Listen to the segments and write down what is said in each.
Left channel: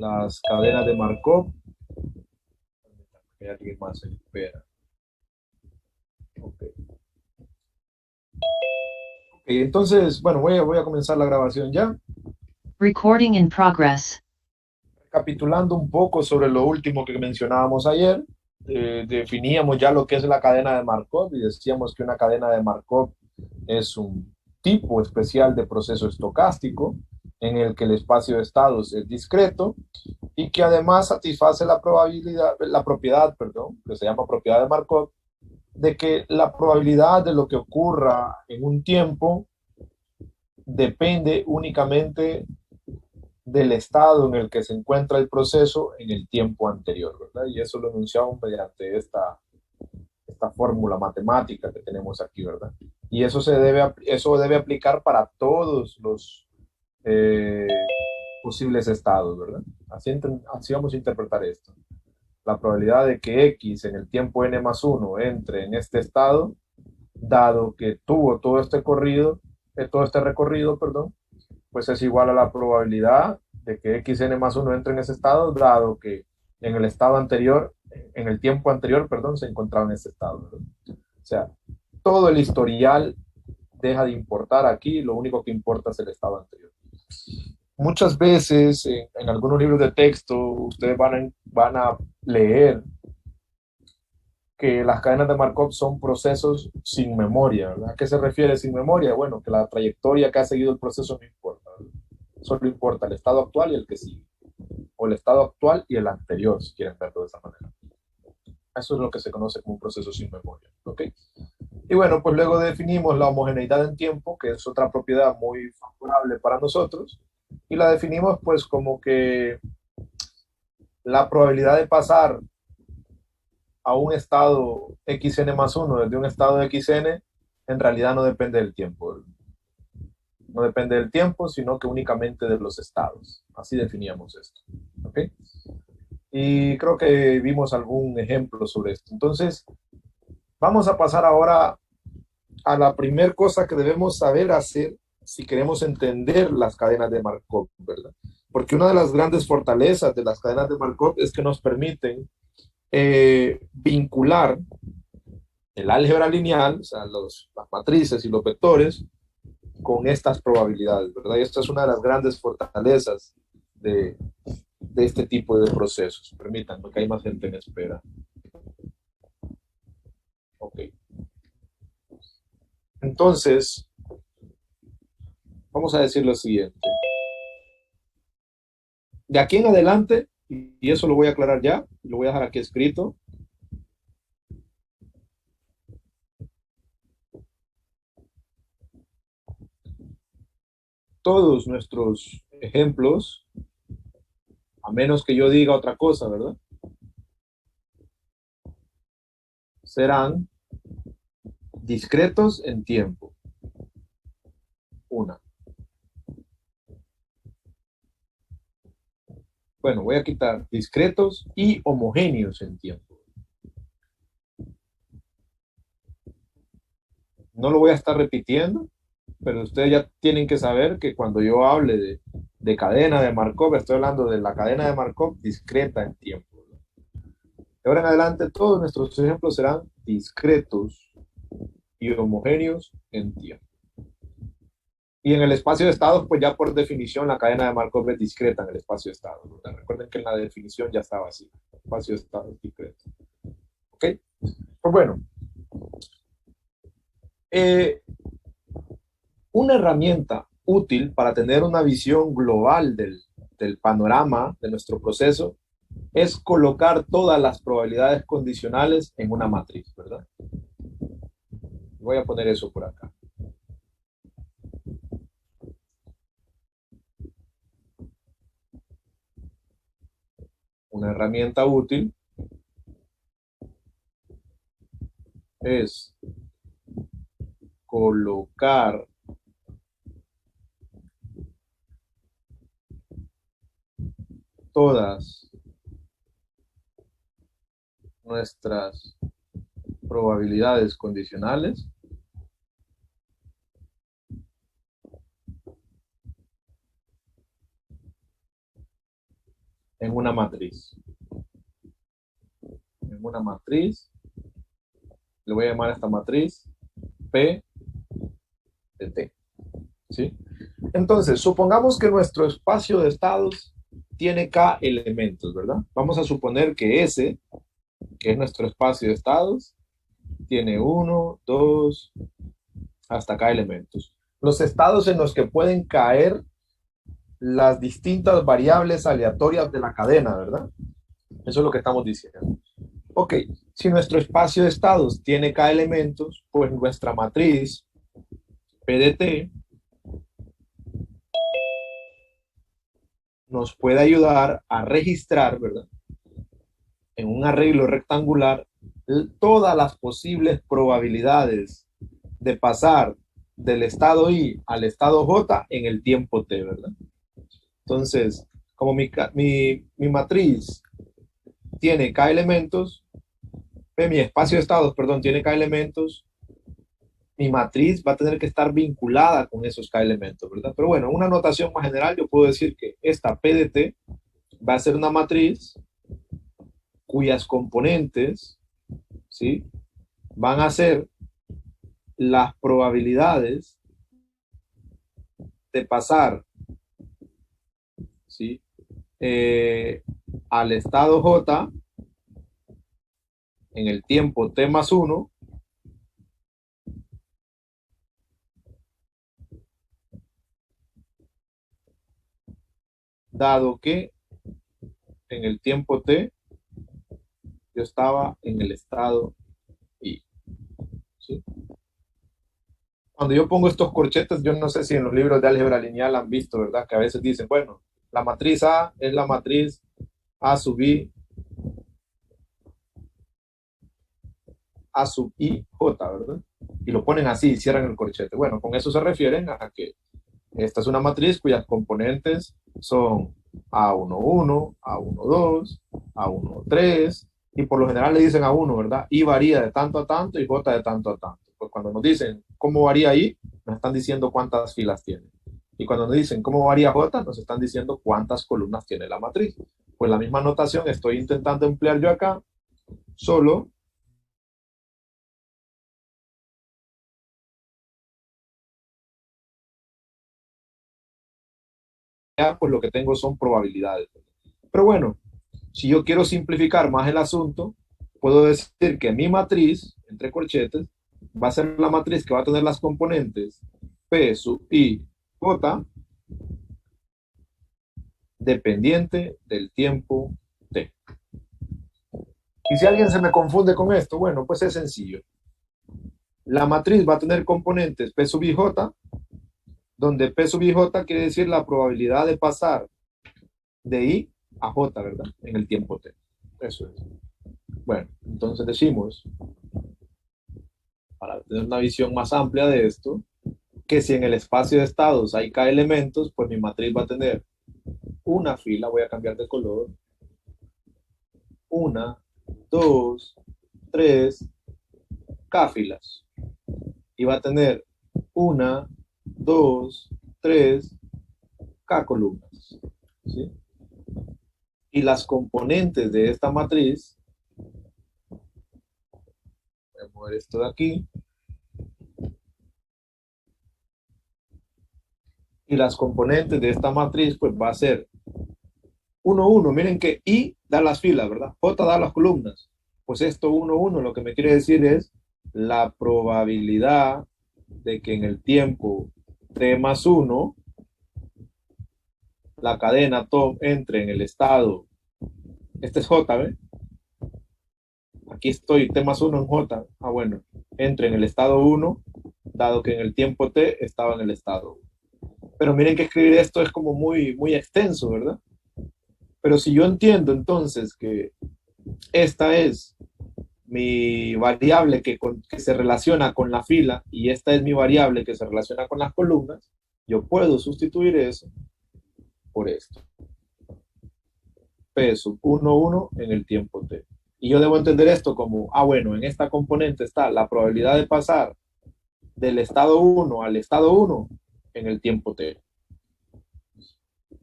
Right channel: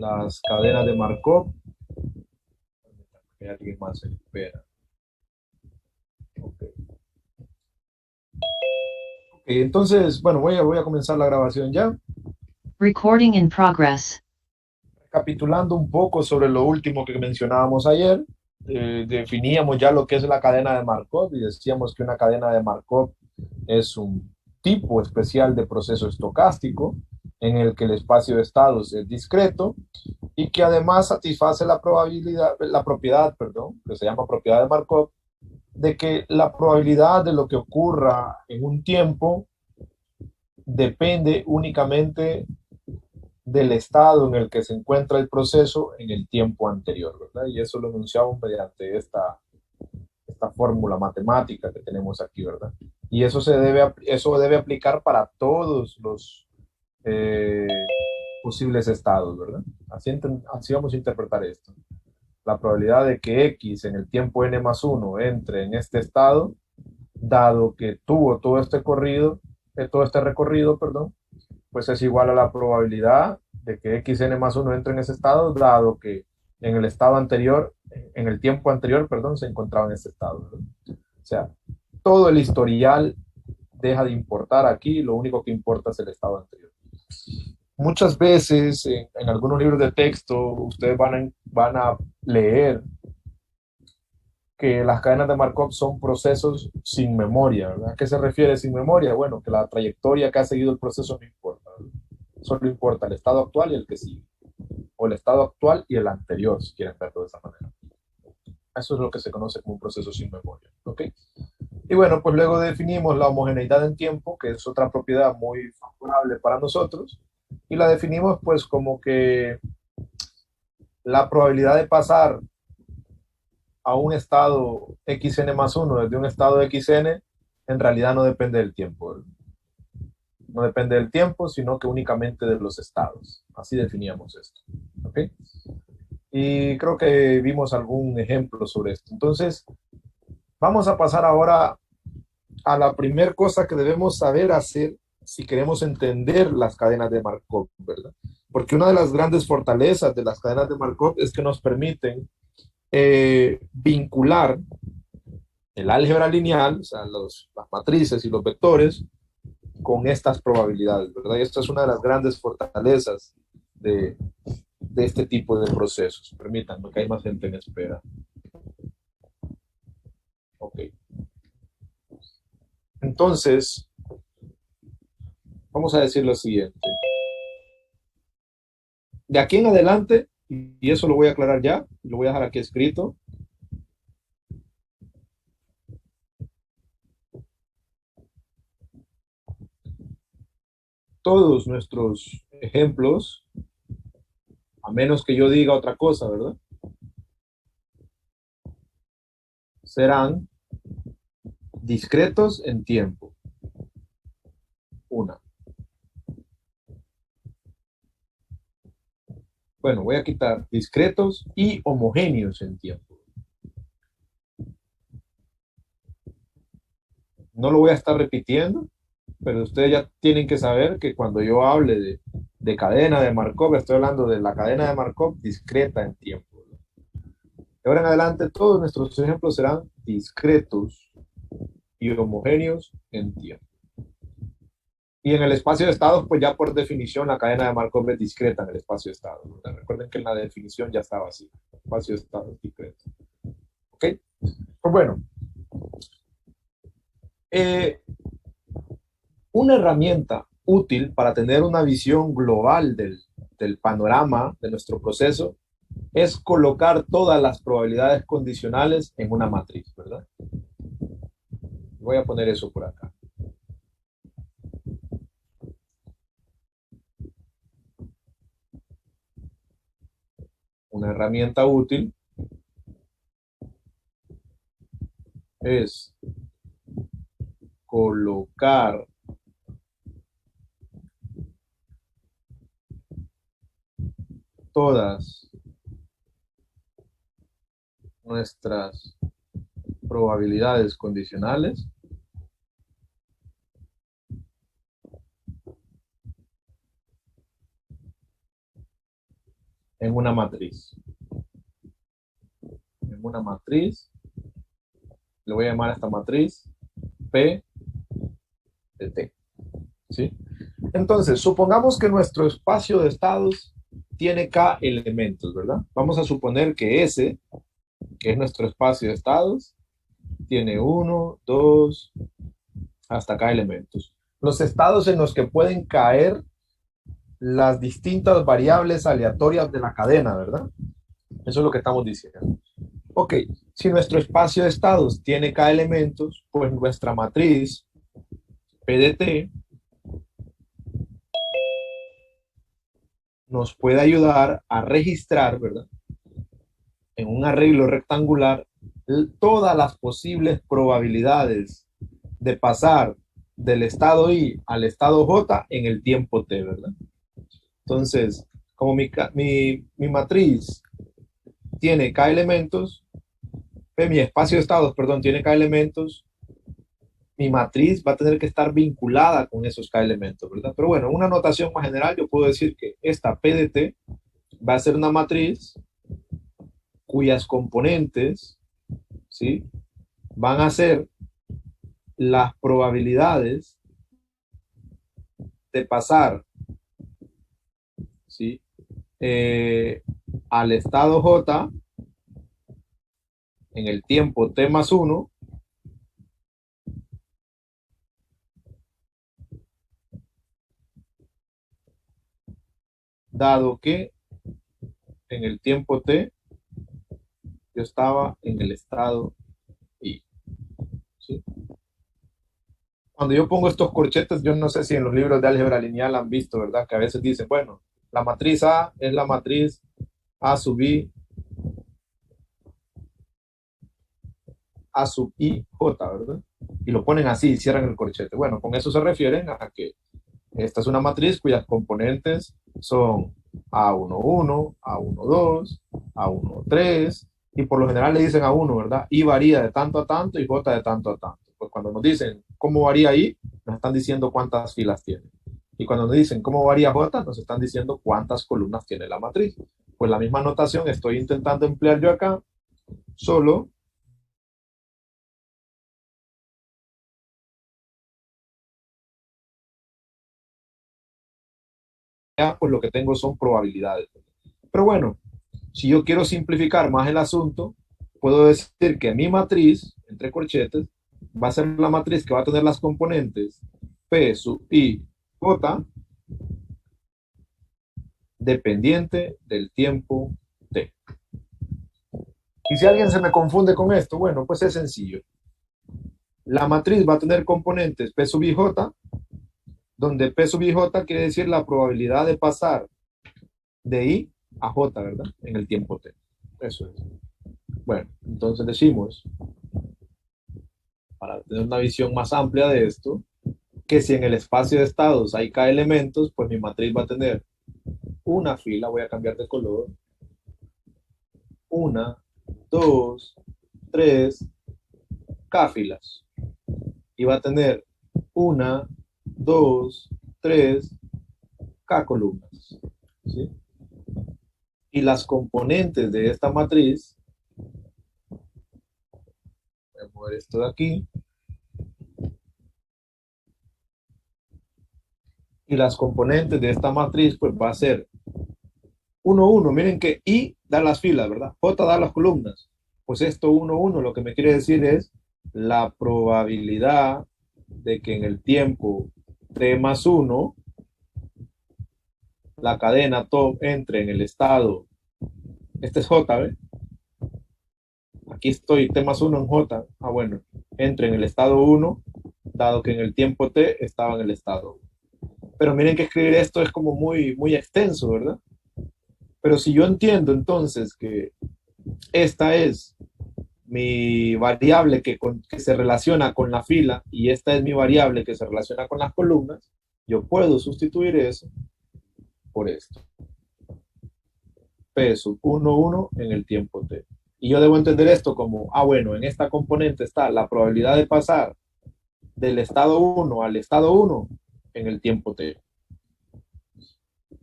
las cadenas de Markov. Hay alguien más en espera. Okay. Entonces, bueno, voy a comenzar la grabación ya. Recording in progress. Recapitulando un poco sobre lo último que mencionábamos ayer, definíamos ya lo que es la cadena de Markov y decíamos que una cadena de Markov es un tipo especial de proceso estocástico en el que el espacio de estados es discreto y que además satisface la propiedad, perdón, que se llama propiedad de Markov, de que la probabilidad de lo que ocurra en un tiempo depende únicamente del estado en el que se encuentra el proceso en el tiempo anterior, ¿verdad? Y eso lo enunciamos mediante esta fórmula matemática que tenemos aquí, ¿verdad? Y eso debe aplicar para todos los eh, posibles estados, ¿verdad? Así vamos a interpretar esto. La probabilidad de que X en el tiempo n más 1 entre en este estado, dado que tuvo todo este recorrido, perdón, pues es igual a la probabilidad de que xn más 1 entre en ese estado, dado que en el estado anterior, en el tiempo anterior, perdón, se encontraba en ese estado, ¿verdad? O sea, todo el historial deja de importar aquí, lo único que importa es el estado anterior. Muchas veces en algunos libros de texto ustedes van a leer que las cadenas de Markov son procesos sin memoria, ¿verdad? ¿A qué se refiere sin memoria? Bueno, que la trayectoria que ha seguido el proceso no importa, ¿verdad? Solo importa el estado actual y el que sigue, o el estado actual y el anterior, si quieren verlo de esa manera. Eso es lo que se conoce como un proceso sin memoria, ¿ok? Y bueno, pues luego definimos la homogeneidad en tiempo, que es otra propiedad muy favorable para nosotros, y la definimos pues como que la probabilidad de pasar a un estado xn más 1 desde un estado xn en realidad no depende del tiempo. No depende del tiempo, sino que únicamente de los estados. Así definíamos esto. ¿Ok? Y creo que vimos algún ejemplo sobre esto. Entonces, vamos a pasar ahora a la primera cosa que debemos saber hacer si queremos entender las cadenas de Markov, ¿verdad? Porque una de las grandes fortalezas de las cadenas de Markov es que nos permiten vincular el álgebra lineal, o sea, las matrices y los vectores, con estas probabilidades, ¿verdad? Y esta es una de las grandes fortalezas de, de este tipo de procesos. Permítanme que hay más gente en espera. Ok. Entonces, vamos a decir lo siguiente. De aquí en adelante, y eso lo voy a aclarar ya, lo voy a dejar aquí escrito, todos nuestros ejemplos, a menos que yo diga otra cosa, ¿verdad? Serán discretos en tiempo. Una. Bueno, voy a quitar discretos y homogéneos en tiempo. No lo voy a estar repitiendo, pero ustedes ya tienen que saber que cuando yo hable de cadena de Markov, estoy hablando de la cadena de Markov discreta en tiempo. De ahora en adelante, todos nuestros ejemplos serán discretos y homogéneos en tiempo. Y en el espacio de estados, pues ya por definición la cadena de Markov es discreta en el espacio de estados. Recuerden que en la definición ya estaba así. Espacio de estados discreto. ¿Ok? Pues bueno, eh, una herramienta útil para tener una visión global del panorama de nuestro proceso es colocar todas las probabilidades condicionales en una matriz, ¿verdad? Voy a poner eso por acá. Una herramienta útil es colocar todas nuestras probabilidades condicionales en una matriz. En una matriz, le voy a llamar a esta matriz P de T. ¿Sí? Entonces, supongamos que nuestro espacio de estados tiene K elementos, ¿verdad? Vamos a suponer que S, que es nuestro espacio de estados, tiene 1, 2, hasta K elementos. Los estados en los que pueden caer las distintas variables aleatorias de la cadena, ¿verdad? Eso es lo que estamos diciendo. Ok, si nuestro espacio de estados tiene K elementos, pues nuestra matriz P de T nos puede ayudar a registrar, ¿verdad? En un arreglo rectangular, todas las posibles probabilidades de pasar del estado I al estado J en el tiempo T, ¿verdad? Entonces, como mi matriz tiene K elementos, mi espacio de estados, perdón, tiene K elementos, mi matriz va a tener que estar vinculada con esos K elementos, ¿verdad? Pero bueno, una notación más general, yo puedo decir que esta P de T va a ser una matriz cuyas componentes, ¿sí? Van a ser las probabilidades de pasar, ¿sí? Al estado J en el tiempo T más 1, dado que en el tiempo T yo estaba en el estado I. ¿Sí? Cuando yo pongo estos corchetes, yo no sé si en los libros de álgebra lineal han visto, ¿verdad? Que a veces dicen, bueno, la matriz A es la matriz A sub I, A sub I, J, ¿verdad? Y lo ponen así y cierran el corchete. Bueno, con eso se refieren a que esta es una matriz cuyas componentes son A11, A12, A13, y por lo general le dicen A1, ¿verdad? Y varía de tanto a tanto y J de tanto a tanto. Pues cuando nos dicen cómo varía I, nos están diciendo cuántas filas tiene. Y cuando nos dicen cómo varía J, nos están diciendo cuántas columnas tiene la matriz. Pues la misma notación estoy intentando emplear yo acá, solo ya pues lo que tengo son probabilidades. Pero bueno, si yo quiero simplificar más el asunto, puedo decir que mi matriz, entre corchetes, va a ser la matriz que va a tener las componentes P sub I J dependiente del tiempo T. Y si alguien se me confunde con esto, bueno, pues es sencillo. La matriz va a tener componentes P sub I J, donde P sub I J quiere decir la probabilidad de pasar de I a J, ¿verdad? En el tiempo T. Eso es. Bueno, entonces decimos, para tener una visión más amplia de esto, que si en el espacio de estados hay K elementos, pues mi matriz va a tener una fila, voy a cambiar de color, una, dos, tres, K filas. Y va a tener una, dos, tres, K columnas. ¿Sí? Y las componentes de esta matriz, voy a mover esto de aquí, y las componentes de esta matriz, pues va a ser 1, 1. Miren que I da las filas, ¿verdad? J da las columnas. Pues esto 1, 1 lo que me quiere decir es la probabilidad de que en el tiempo T más 1 la cadena top entre en el estado, este es J, ¿ves? Aquí estoy, T más 1 en J. Ah, bueno, entre en el estado 1, dado que en el tiempo T estaba en el estado 1. Pero miren que escribir esto es como muy, muy extenso, ¿verdad? Pero si yo entiendo entonces que esta es mi variable que se relaciona con la fila y esta es mi variable que se relaciona con las columnas, yo puedo sustituir eso por esto. P sub 1, 1 en el tiempo t. Y yo debo entender esto como, bueno, en esta componente está la probabilidad de pasar del estado 1 al estado 1 en el tiempo t.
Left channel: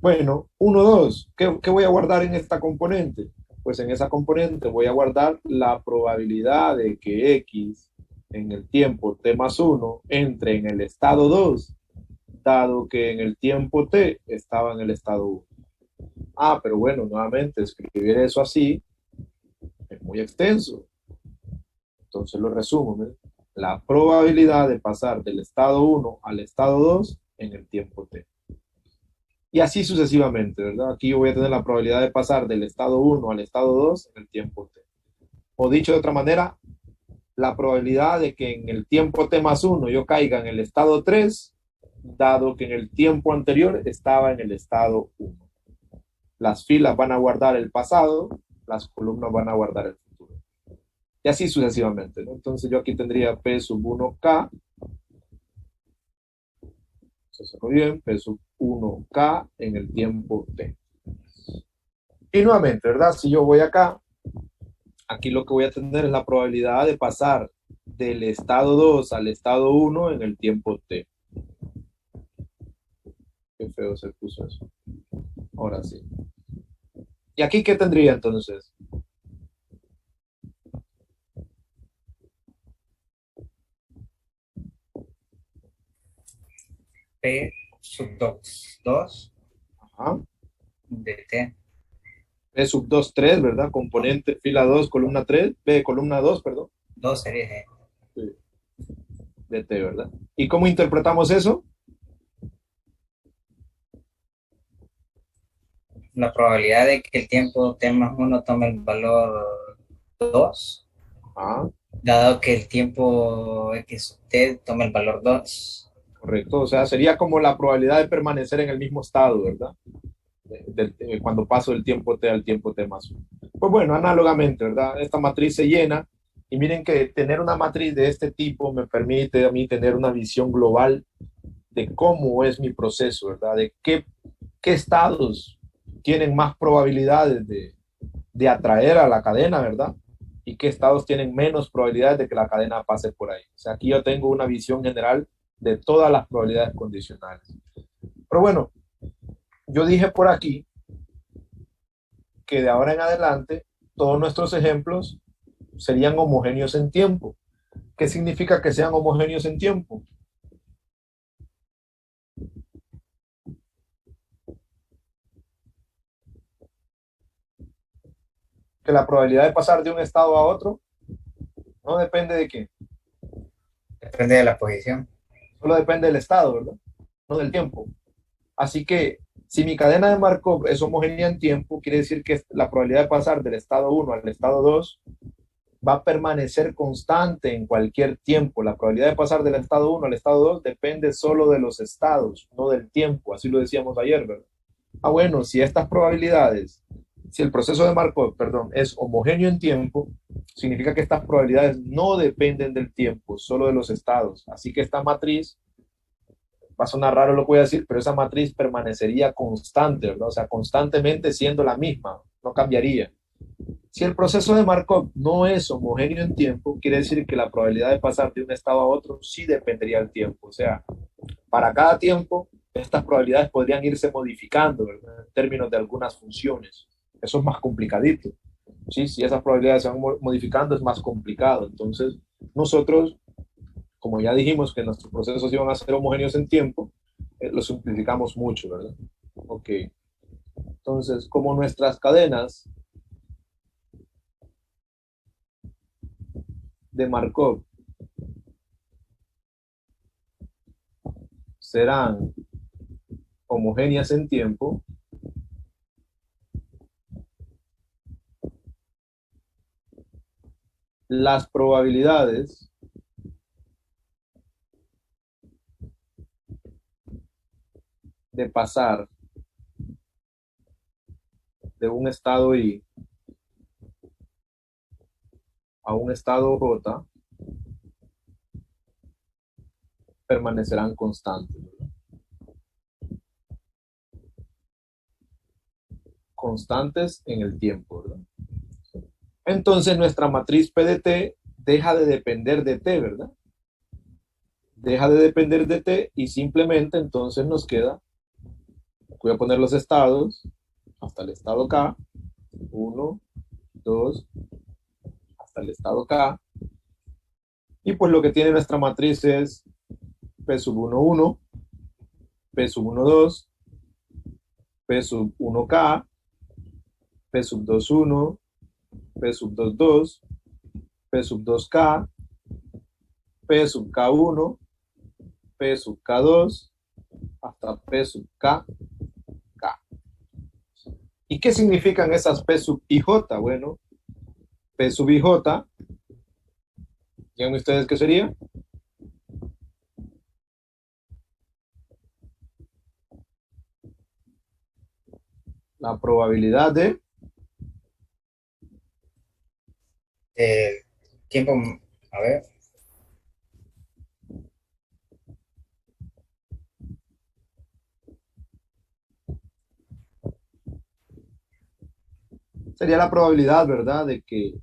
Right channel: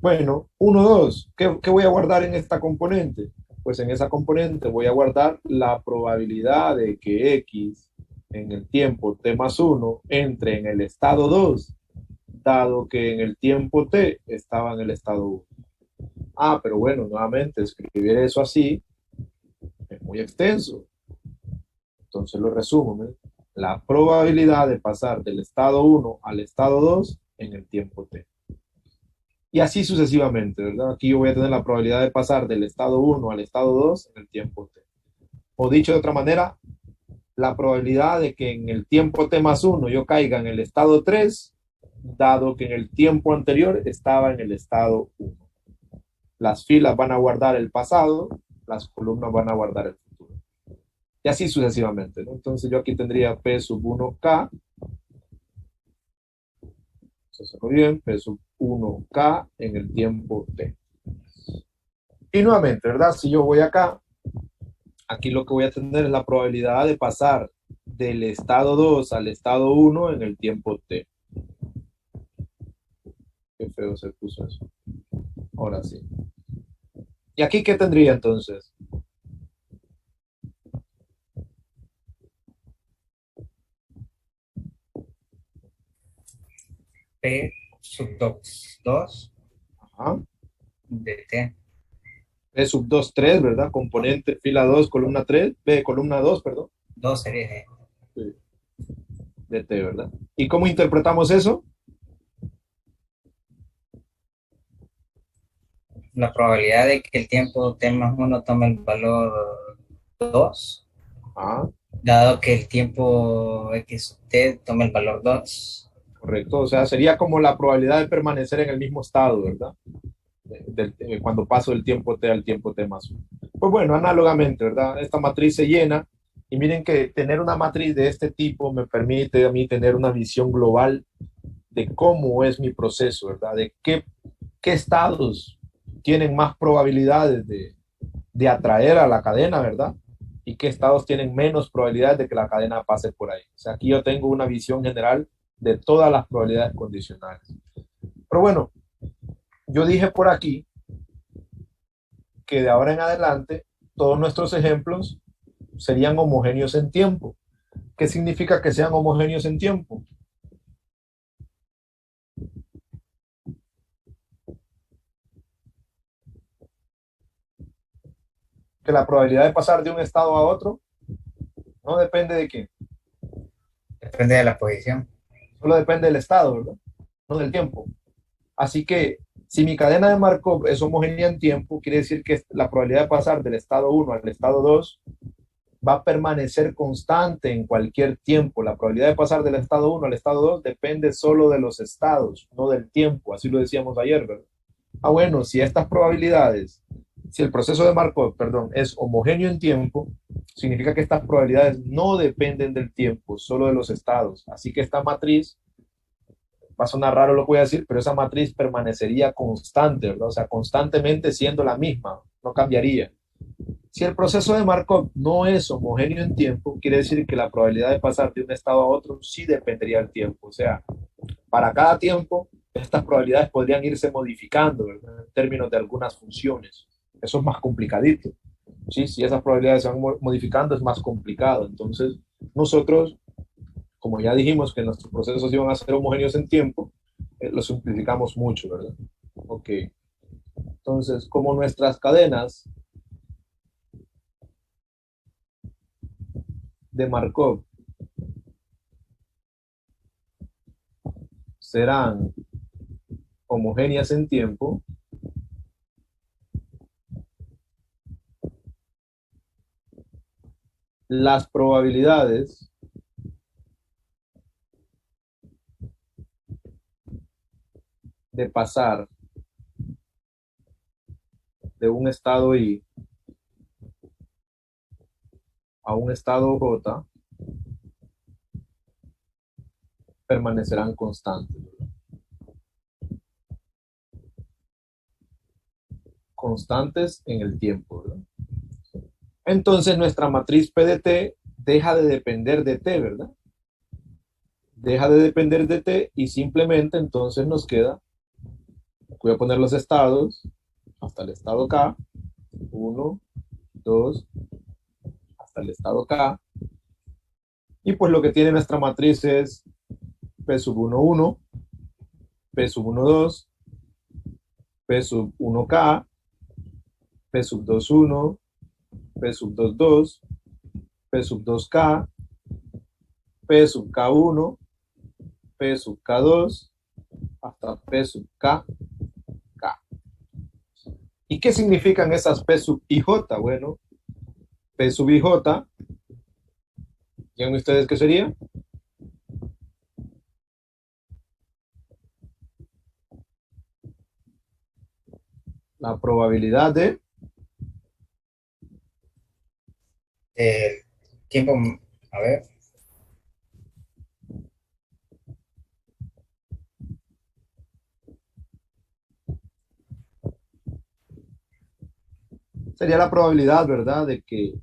Bueno, uno, 2. ¿Qué voy a guardar en esta componente? Pues en esa componente voy a guardar la probabilidad de que X en el tiempo t más uno entre en el estado 2, dado que en el tiempo t estaba en el estado uno. Ah, pero bueno, nuevamente escribir eso así es muy extenso. Entonces lo resumo, ¿ves? La probabilidad de pasar del estado uno al estado 2 en el tiempo t. Y así sucesivamente, ¿verdad? Aquí yo voy a tener la probabilidad de pasar del estado uno al estado 2 en el tiempo t. O dicho de otra manera, la probabilidad de que en el tiempo t más uno yo caiga en el estado 3, dado que en el tiempo anterior estaba en el estado uno. Las filas van a guardar el pasado, las columnas van a guardar el futuro. Y así sucesivamente, ¿no? Entonces yo aquí tendría P sub 1K, se muy bien, P sub 1K en el tiempo T. Y nuevamente, ¿verdad? Si yo voy acá, aquí lo que voy a tener es la probabilidad de pasar del estado 2 al estado 1 en el tiempo T. Qué feo se puso eso. Ahora sí. ¿Y aquí qué tendría entonces? P sub 2 Ajá. de T. P sub 2, 3, ¿verdad? Componente, fila 2, columna 3, B, columna 2, perdón. 2 sería G. Sí. De T, ¿verdad? ¿Y cómo interpretamos eso? La probabilidad de que el tiempo T más uno tome el valor 2, Ah, dado que el tiempo X sub T tome el valor 2. correcto. O sea, sería como la probabilidad de permanecer en el mismo estado, ¿verdad? Cuando paso del tiempo t al tiempo t más 1. Pues bueno, análogamente, ¿verdad? Esta matriz se llena y miren que tener una matriz de este tipo me permite a mí tener una visión global de cómo es mi proceso, ¿verdad? De qué estados tienen más probabilidades de atraer a la cadena, ¿verdad? Y qué estados tienen menos probabilidades de que la cadena pase por ahí. O sea, aquí yo tengo una visión general de todas las probabilidades condicionales. Pero bueno, yo dije por aquí que de ahora en adelante todos nuestros ejemplos serían homogéneos en tiempo. ¿Qué significa que sean homogéneos en tiempo? Que la probabilidad de pasar de un estado a otro no depende de qué, Depende de la posición. solo depende del estado, ¿verdad? No del tiempo. Así que si mi cadena de Markov es homogénea en tiempo, quiere decir que la probabilidad de pasar del estado uno al estado 2 va a permanecer constante en cualquier tiempo. La probabilidad de pasar del estado uno al estado 2 depende solo de los estados, no del tiempo. Así lo decíamos ayer, ¿verdad? Ah, bueno, si estas probabilidades, si el proceso de Markov, perdón, es homogéneo en tiempo, significa que estas probabilidades no dependen del tiempo, solo de los estados. Así que esta matriz, va a sonar raro lo que voy a decir, pero esa matriz permanecería constante, ¿verdad? O sea, constantemente siendo la misma, no cambiaría. Si el proceso de Markov no es homogéneo en tiempo, quiere decir que la probabilidad de pasar de un estado a otro sí dependería del tiempo. O sea, para cada tiempo, estas probabilidades podrían irse modificando, ¿verdad? En términos de algunas funciones. Eso es más complicadito. ¿Sí? Si esas probabilidades se van modificando, es más complicado. Entonces, nosotros, como ya dijimos que nuestros procesos iban a ser homogéneos en tiempo, lo simplificamos mucho, ¿verdad? Ok. Entonces, como nuestras cadenas de Markov serán homogéneas en tiempo, las probabilidades de pasar de un estado I a un estado J permanecerán constantes, ¿verdad? Constantes en el tiempo, ¿verdad? Entonces nuestra matriz P de T deja de depender de T, ¿verdad? Deja de depender de T y simplemente entonces nos queda Voy a poner los estados hasta el estado K. Uno, 2, hasta el estado K. Y pues lo que tiene nuestra matriz es P sub 1, 1, P sub 1, 2, P sub 1K, P sub 2, 1, P sub 2, 2, P sub 2K, P sub K1, P sub K2, hasta P sub K, K. ¿Y qué significan esas P sub IJ? Bueno, P sub IJ, ¿saben ustedes qué sería? La probabilidad de El tiempo, a ver, sería la probabilidad, ¿verdad? De que,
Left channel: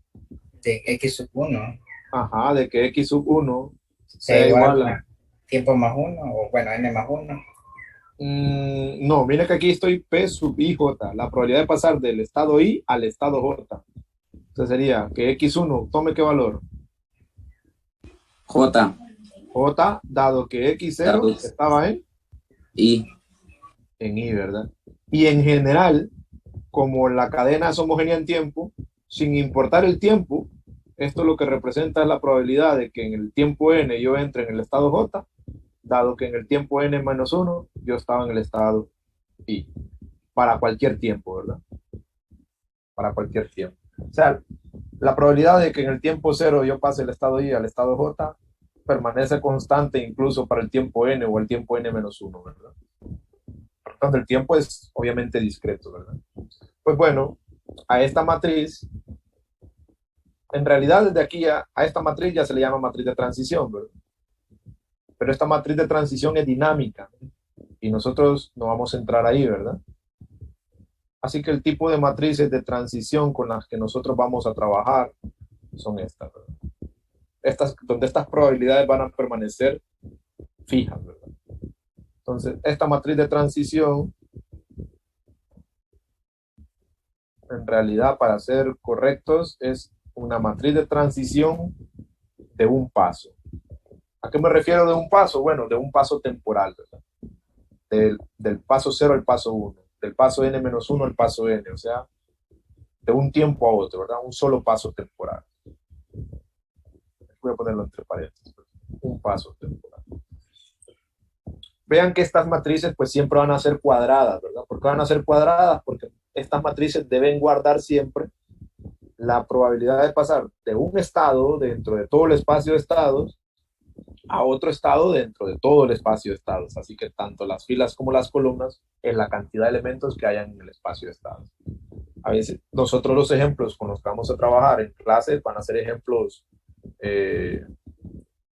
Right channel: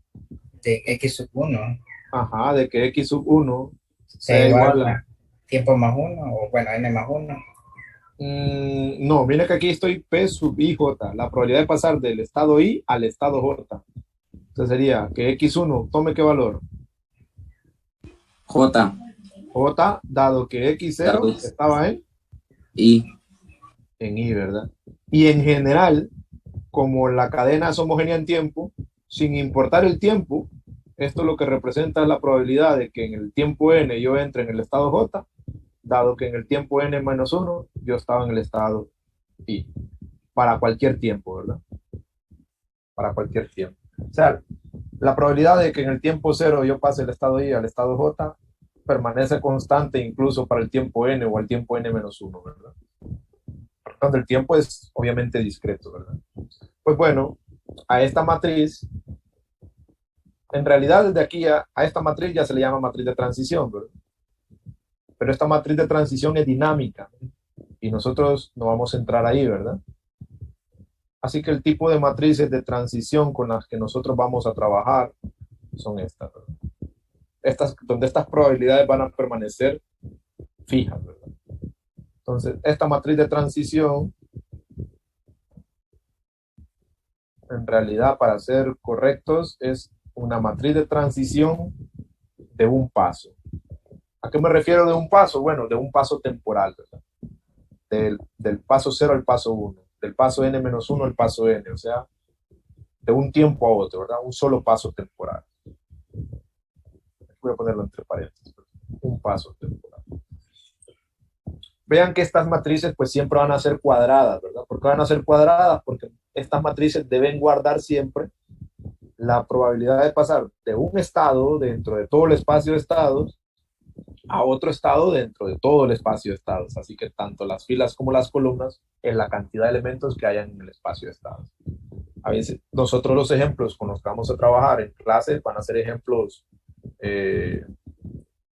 de x sub 1 ajá, de que X sub 1 sea sea igual igual a... a tiempo más uno o bueno, n más uno. No, mira que aquí estoy P sub IJ, la probabilidad de pasar del estado I al estado J. Entonces sería que X1 tome qué valor. J, J, dado que X0 dados, estaba I, en I, ¿verdad? Y en general, como la cadena es homogénea en tiempo, sin importar el tiempo, esto lo que representa es la probabilidad de que en el tiempo n yo entre en el estado J, dado que en el tiempo n menos 1 yo estaba en el estado I, para cualquier tiempo, ¿verdad? Para cualquier tiempo. O sea, la probabilidad de que en el tiempo 0 yo pase el estado I al estado J permanece constante incluso para el tiempo n o el tiempo n menos 1, ¿verdad? Donde el tiempo es obviamente discreto, ¿verdad? Pues bueno, a esta matriz, en realidad desde aquí a esta matriz ya se le llama matriz de transición, ¿verdad? Pero esta matriz de transición es dinámica y nosotros no vamos a entrar ahí, ¿verdad? Así que el tipo de matrices de transición con las que nosotros vamos a trabajar son estas, ¿verdad? Donde estas probabilidades van a permanecer fijas, ¿verdad? Entonces, esta matriz de transición, en realidad, para ser correctos, es una matriz de transición de un paso. ¿A qué me refiero de un paso? Bueno, de un paso temporal, ¿verdad? Del paso 0 al paso 1, del paso n-1 al paso n, o sea, de un tiempo a otro, ¿verdad? Un solo paso temporal. Voy a ponerlo entre paréntesis, ¿verdad? Un paso temporal. Vean que estas matrices pues siempre van a ser cuadradas, ¿verdad? ¿Por qué van a ser cuadradas? Porque estas matrices deben guardar siempre la probabilidad de pasar de un estado dentro de todo el espacio de estados a otro estado dentro de todo el espacio de estados. Así que tanto las filas como las columnas en la cantidad de elementos que hayan en el espacio de estados. A veces nosotros los ejemplos con los que vamos a trabajar en clase van a ser ejemplos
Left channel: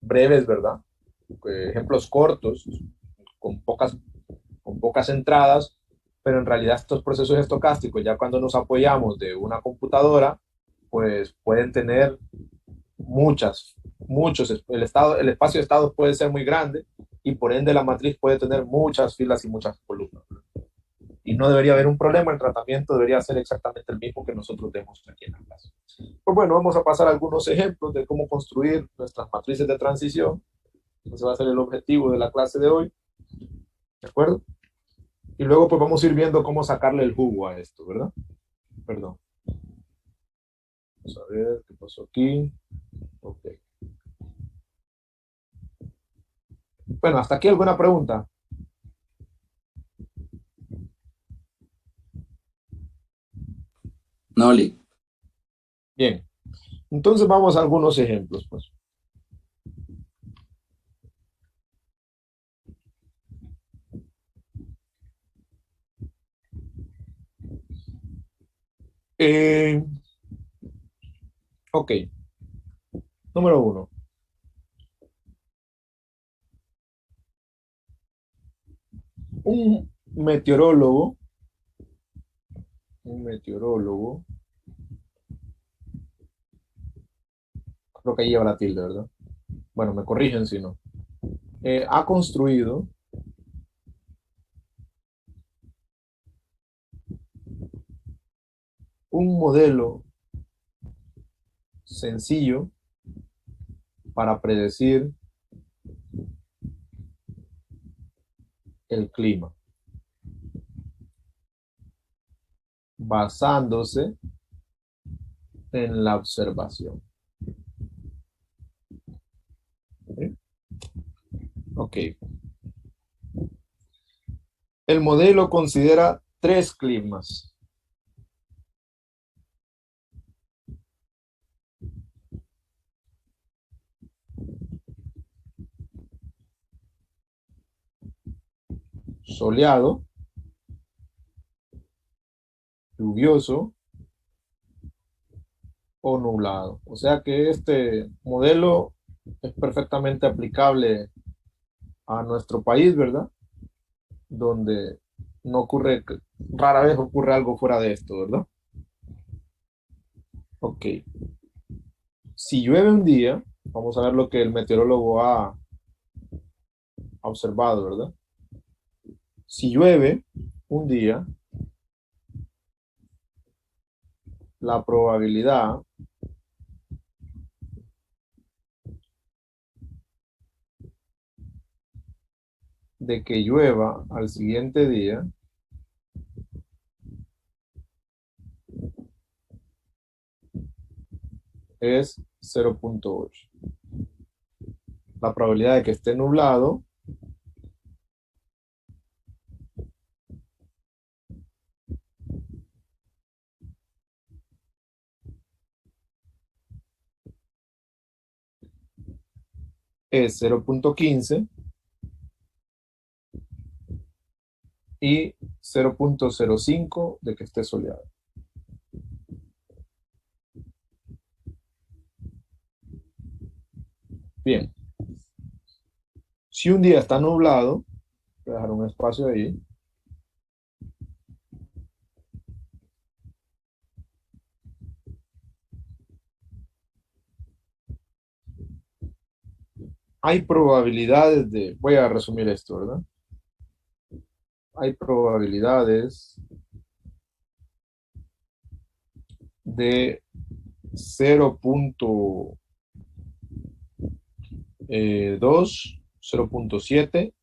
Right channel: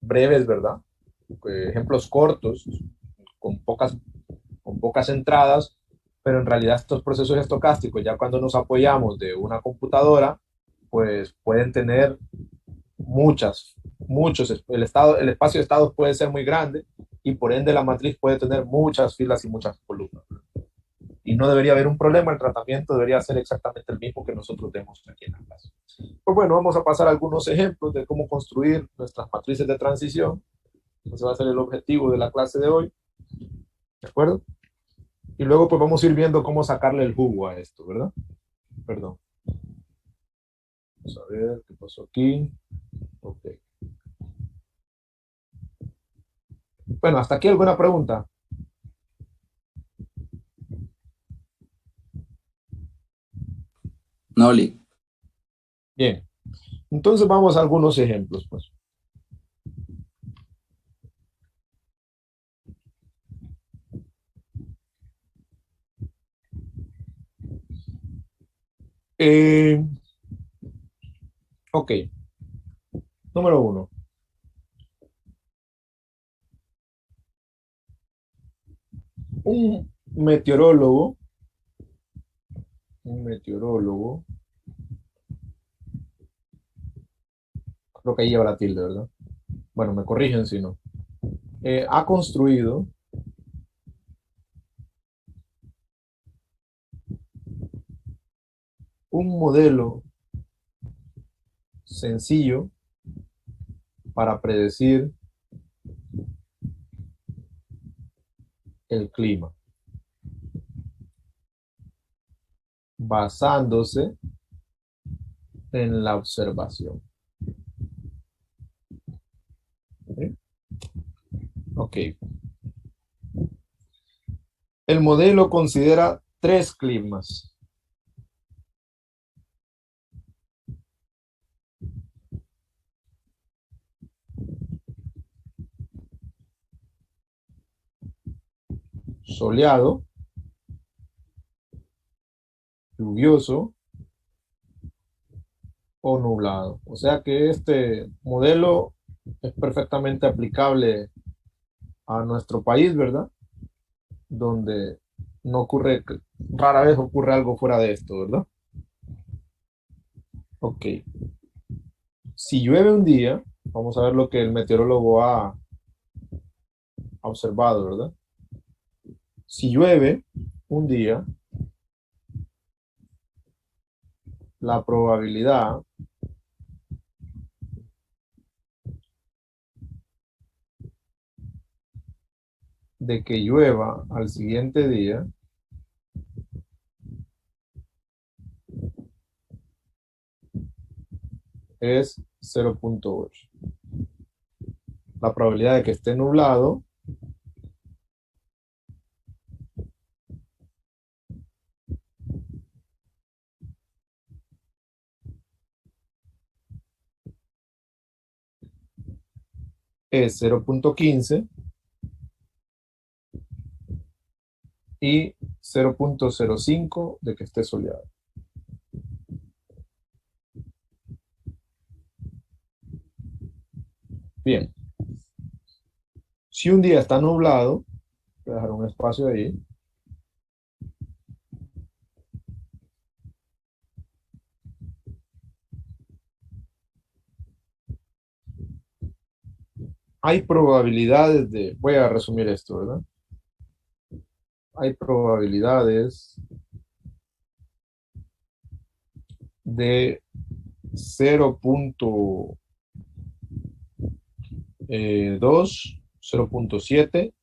breves, ¿verdad? Ejemplos cortos, con pocas entradas, pero en realidad estos procesos estocásticos, ya cuando nos apoyamos de una computadora, pues pueden tener muchos, el espacio de estados puede ser muy grande y por ende la matriz puede tener muchas filas y muchas columnas. Y no debería haber un problema, el tratamiento debería ser exactamente el mismo que nosotros tenemos aquí en la clase. Pues bueno, vamos a pasar a algunos ejemplos de cómo construir nuestras matrices de transición. Ese va a ser el objetivo de la clase de hoy. ¿De acuerdo? Y luego pues vamos a ir viendo cómo sacarle el jugo a esto, ¿verdad? Perdón. Vamos a ver qué pasó aquí. Ok. Bueno, hasta aquí alguna pregunta. Noli. Bien. Entonces vamos a algunos ejemplos, pues. Eh, ok. Número uno. Un meteorólogo, un meteorólogo, creo que ahí lleva la tilde, ¿verdad? Bueno, me corrigen si no. Ha construido un modelo sencillo para predecir el clima, basándose en la observación. ¿Sí? Ok. El modelo considera tres climas. Soleado, lluvioso o nublado. O sea que este modelo es perfectamente aplicable a nuestro país, ¿verdad? Donde no ocurre, rara vez ocurre algo fuera de esto, ¿verdad? Ok. Si llueve un día, vamos a ver lo que el meteorólogo ha observado, ¿verdad? Si llueve un día, la probabilidad de que llueva al siguiente día es 0,8. La probabilidad de que esté nublado es 0,15 y 0,05 de que esté soleado. Bien, si un día está nublado, voy a dejar un espacio ahí, hay probabilidades de, voy a resumir esto, ¿verdad? Hay probabilidades de 0,2, 0,7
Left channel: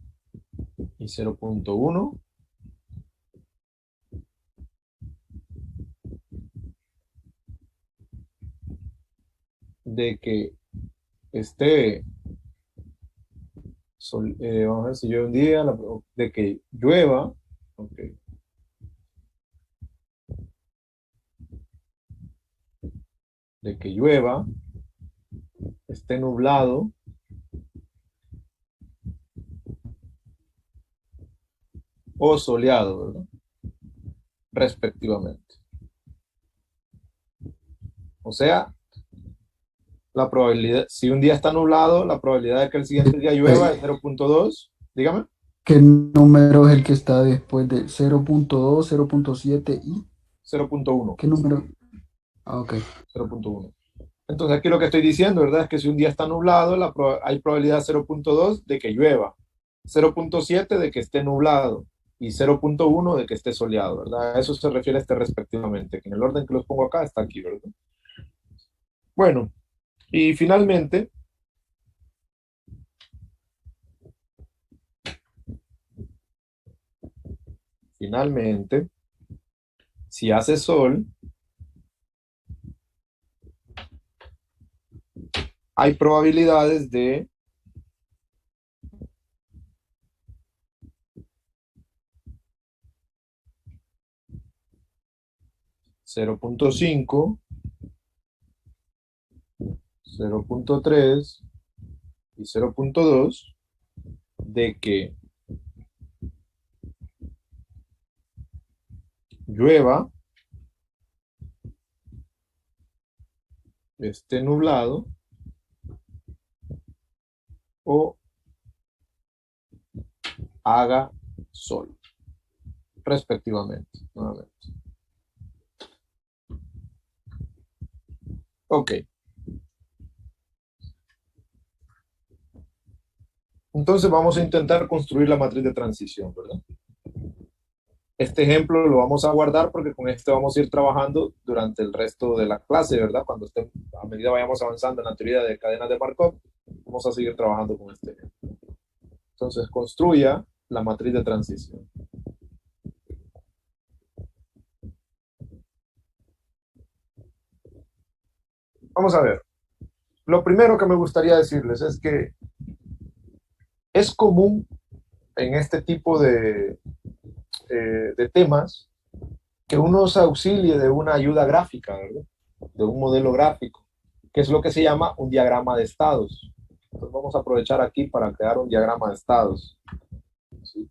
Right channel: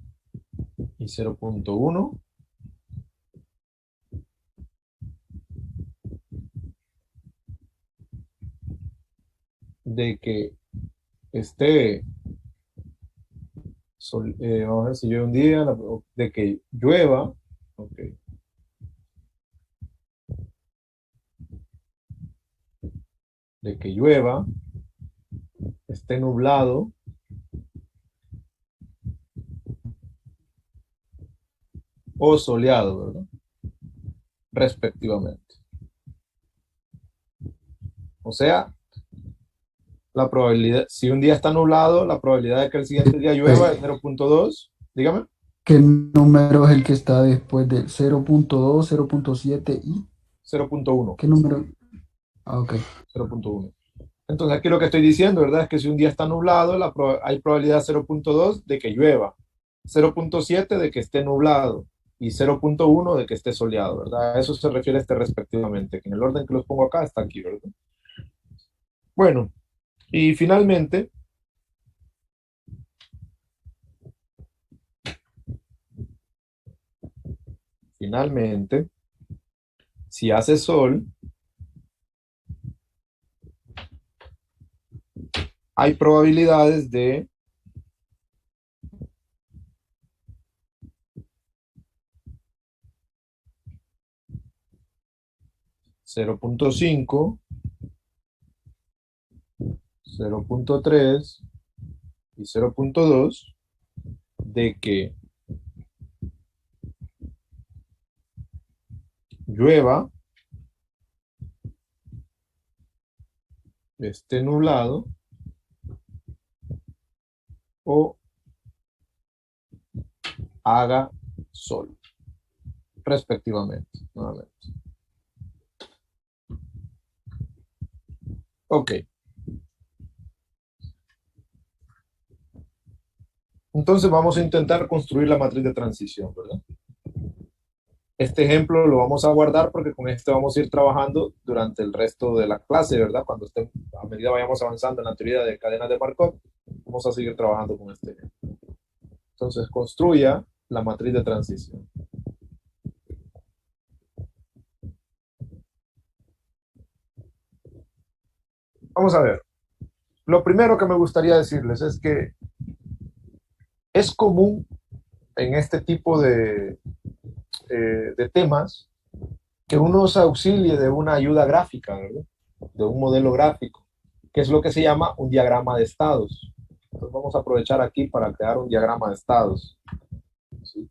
y 0,1 de que esté, vamos a ver si llueve un día, de que llueva, ok, de que llueva, esté nublado o soleado, ¿verdad? Respectivamente. O sea, la probabilidad, si un día está nublado, la probabilidad de que el siguiente día llueva es Eh, 0,2, dígame, ¿Qué número es el que está después de 0,2, 0,7 y 0,1, qué número? Ah, ok. 0,1. Entonces aquí lo que estoy diciendo, ¿verdad? Es que si un día está nublado, hay probabilidad 0,2 de que llueva, 0,7 de que esté nublado y 0,1 de que esté soleado, ¿verdad? A eso se refiere este respectivamente, que en el orden que los pongo acá está aquí, ¿verdad? Bueno, y finalmente, si hace sol, hay probabilidades de 0,5, 0,3 y 0,2 de que llueva, esté nublado o haga sol, respectivamente. Nuevamente. Ok, entonces vamos a intentar construir la matriz de transición, ¿verdad? Este ejemplo lo vamos a guardar porque con este vamos a ir trabajando durante el resto de la clase, ¿verdad? A medida vayamos avanzando en la teoría de cadenas de Markov, vamos a seguir trabajando con este ejemplo. Entonces, construya la matriz de transición. Vamos a ver. Lo primero que me gustaría decirles es que es común en este tipo de temas que uno se auxilie de una ayuda gráfica, ¿verdad? De un modelo gráfico, que es lo que se llama un diagrama de estados. Entonces vamos a aprovechar aquí para crear un diagrama de estados, ¿sí?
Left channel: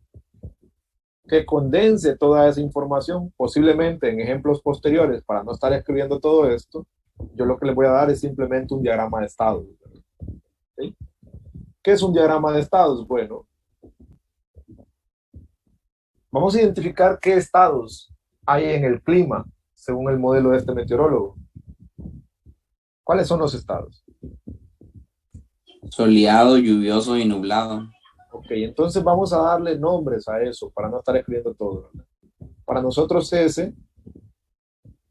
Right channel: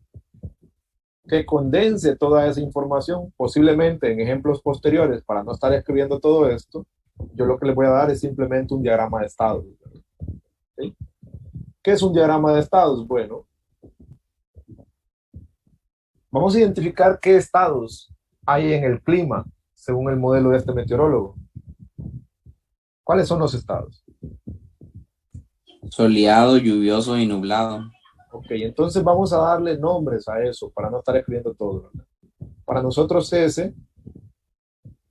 Que condense toda esa información, posiblemente en ejemplos posteriores, para no estar escribiendo todo esto, yo lo que les voy a dar es simplemente un diagrama de estados, ¿sí? ¿Qué es un diagrama de estados? Bueno, vamos a identificar qué estados hay en el clima, según el modelo de este meteorólogo. ¿Cuáles son los estados? Soleado, lluvioso y nublado. Ok, entonces vamos a darle nombres a eso para no estar escribiendo todo, ¿verdad? Para nosotros S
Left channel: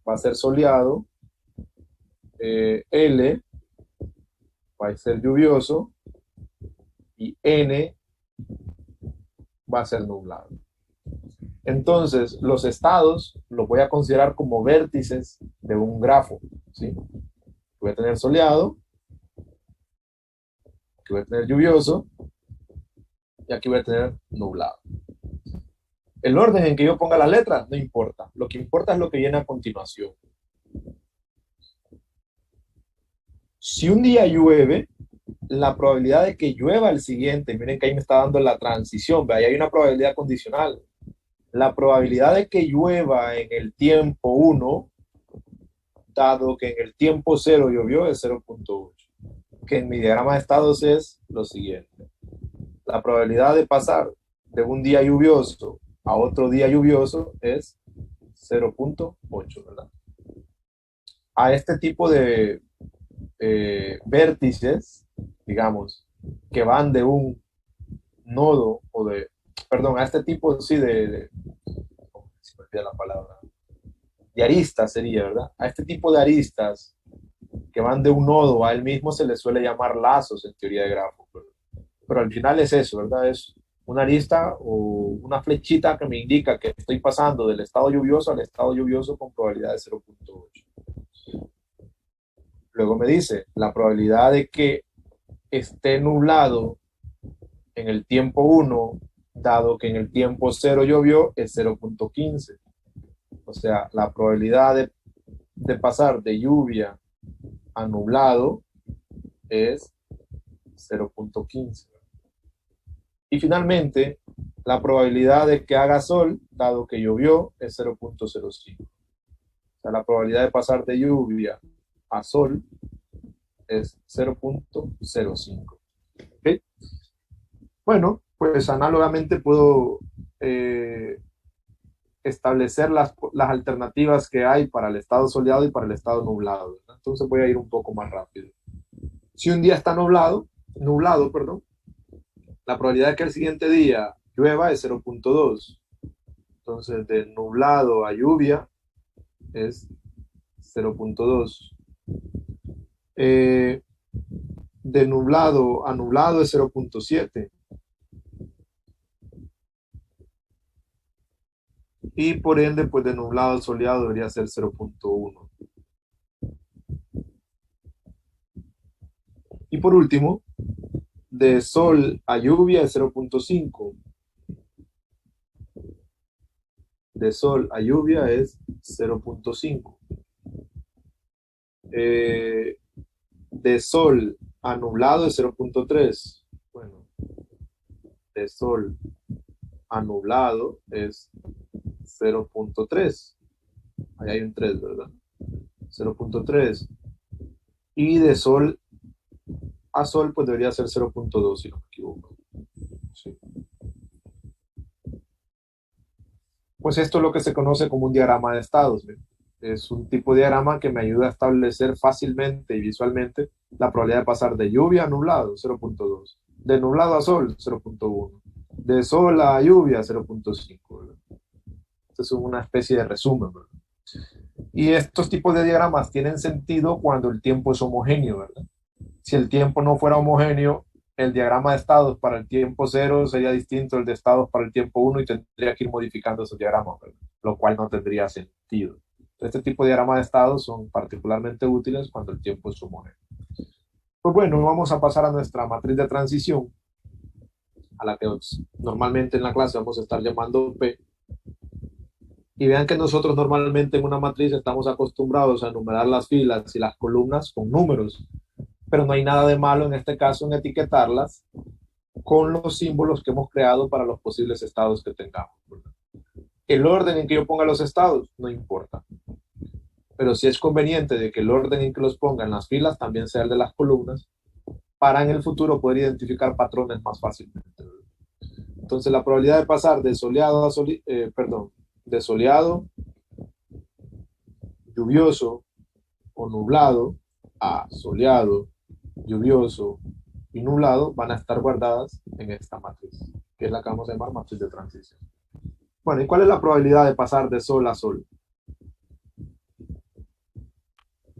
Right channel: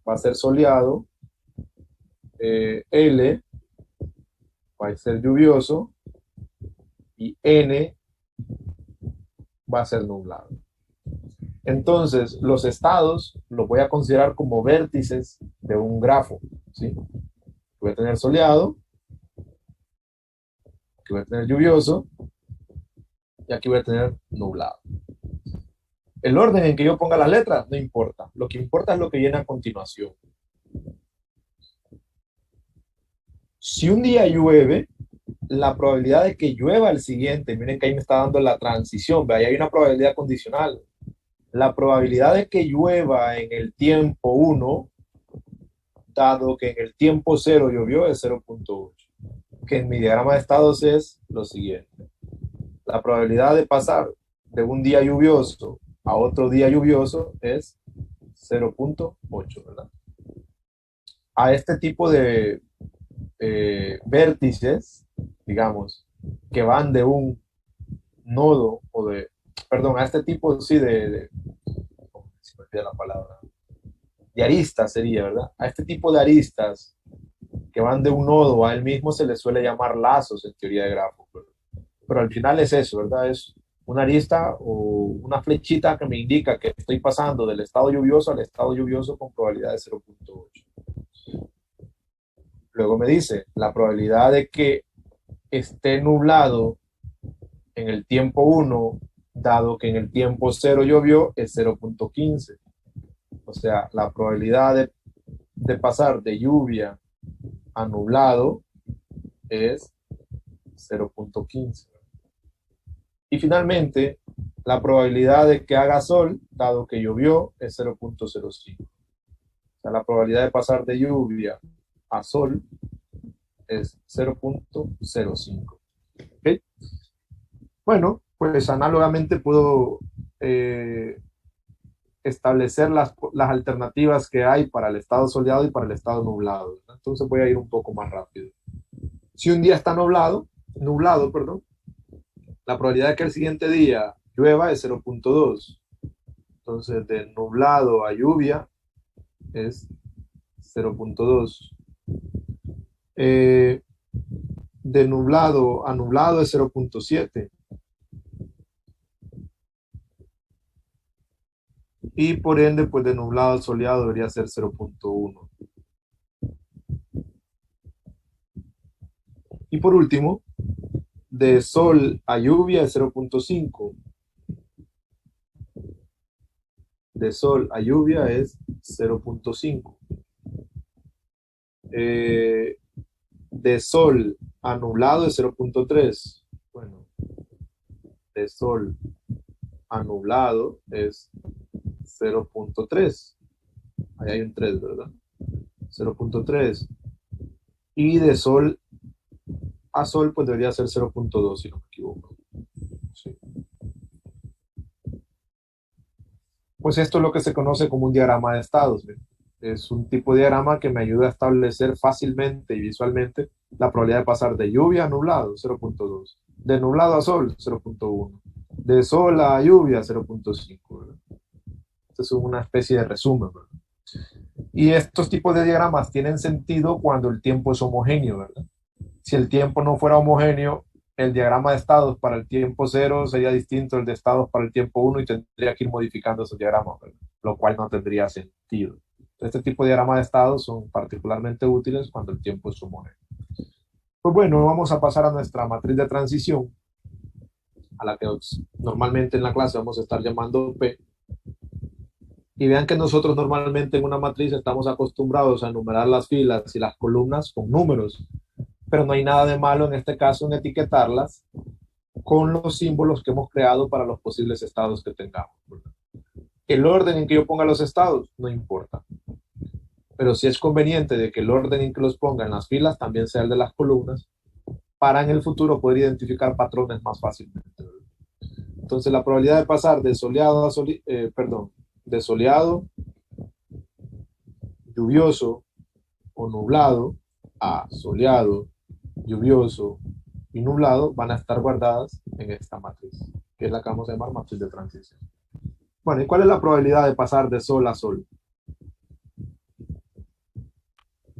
va a ser soleado, L va a ser lluvioso y N va a ser nublado. Entonces, los estados los voy a considerar como vértices de un grafo, ¿sí? Voy a tener soleado, aquí voy a tener lluvioso y aquí voy a tener nublado. El orden en que yo ponga las letras no importa. Lo que importa es lo que viene a continuación. Si un día llueve, la probabilidad de que llueva el siguiente, miren que ahí me está dando la transición, ¿ve? Ahí hay una probabilidad condicional. La probabilidad de que llueva en el tiempo 1, dado que en el tiempo 0 llovió, es 0.8. Que en mi diagrama de estados es lo siguiente. La probabilidad de pasar de un día lluvioso a otro día lluvioso es 0.8, ¿verdad? A este tipo de vértices, digamos, que van de un nodo o de, perdón, a este tipo, sí, se me olvida la palabra, de aristas sería, ¿verdad? A este tipo de aristas que van de un nodo a él mismo se les suele llamar lazos en teoría de grafos, ¿verdad? Pero al final es eso, ¿verdad? Es una arista o una flechita que me indica que estoy pasando del estado lluvioso al estado lluvioso con probabilidad de 0.8. Luego me dice, la probabilidad de que esté nublado en el tiempo 1, dado que en el tiempo 0 llovió, es 0.15. O sea, la probabilidad de pasar de lluvia a nublado es 0.15. Y finalmente, la probabilidad de que haga sol, dado que llovió, es 0.05. O sea, la probabilidad de pasar de lluvia a sol es 0.05. ¿Okay? Bueno, pues análogamente puedo establecer las alternativas que hay para el estado soleado y para el estado nublado, ¿verdad? Entonces voy a ir un poco más rápido. Si un día está nublado, perdón, la probabilidad de que el siguiente día llueva es 0.2. Entonces, de nublado a lluvia es 0.2. De nublado a nublado es 0.7. Y por ende, pues de nublado a soleado debería ser 0.1. Y por último, de sol a lluvia es 0.5. De sol a lluvia es 0.5. De sol a nublado es 0.3. Bueno, de sol a nublado es 0.3. Ahí hay un 3, ¿verdad? 0.3. Y de sol a sol, pues debería ser 0.2, si no me equivoco. Sí. Pues esto es lo que se conoce como un diagrama de estados, ¿ven? Es un tipo de diagrama que me ayuda a establecer fácilmente y visualmente la probabilidad de pasar de lluvia a nublado, 0.2. De nublado a sol, 0.1. De sol a lluvia, 0.5. Esto es una especie de resumen, ¿verdad? Y estos tipos de diagramas tienen sentido cuando el tiempo es homogéneo, ¿verdad? Si el tiempo no fuera homogéneo, el diagrama de estados para el tiempo cero sería distinto al de estados para el tiempo uno y tendría que ir modificando esos diagramas, ¿verdad? Lo cual no tendría sentido. Este tipo de diagramas de estados son particularmente útiles cuando el tiempo es homogéneo. Pues bueno, vamos a pasar a nuestra matriz de transición, a la que normalmente en la clase vamos a estar llamando P. Y vean que nosotros normalmente en una matriz estamos acostumbrados a enumerar las filas y las columnas con números, pero no hay nada de malo en este caso en etiquetarlas con los símbolos que hemos creado para los posibles estados que tengamos. El orden en que yo ponga los estados no importa, pero sí es conveniente de que el orden en que los ponga en las filas también sea el de las columnas, para en el futuro poder identificar patrones más fácilmente. Entonces la probabilidad de pasar de soleado a de soleado, lluvioso o nublado a soleado, lluvioso y nublado van a estar guardadas en esta matriz, que es la que vamos a llamar matriz de transición. Bueno, ¿y cuál es la probabilidad de pasar de sol a sol?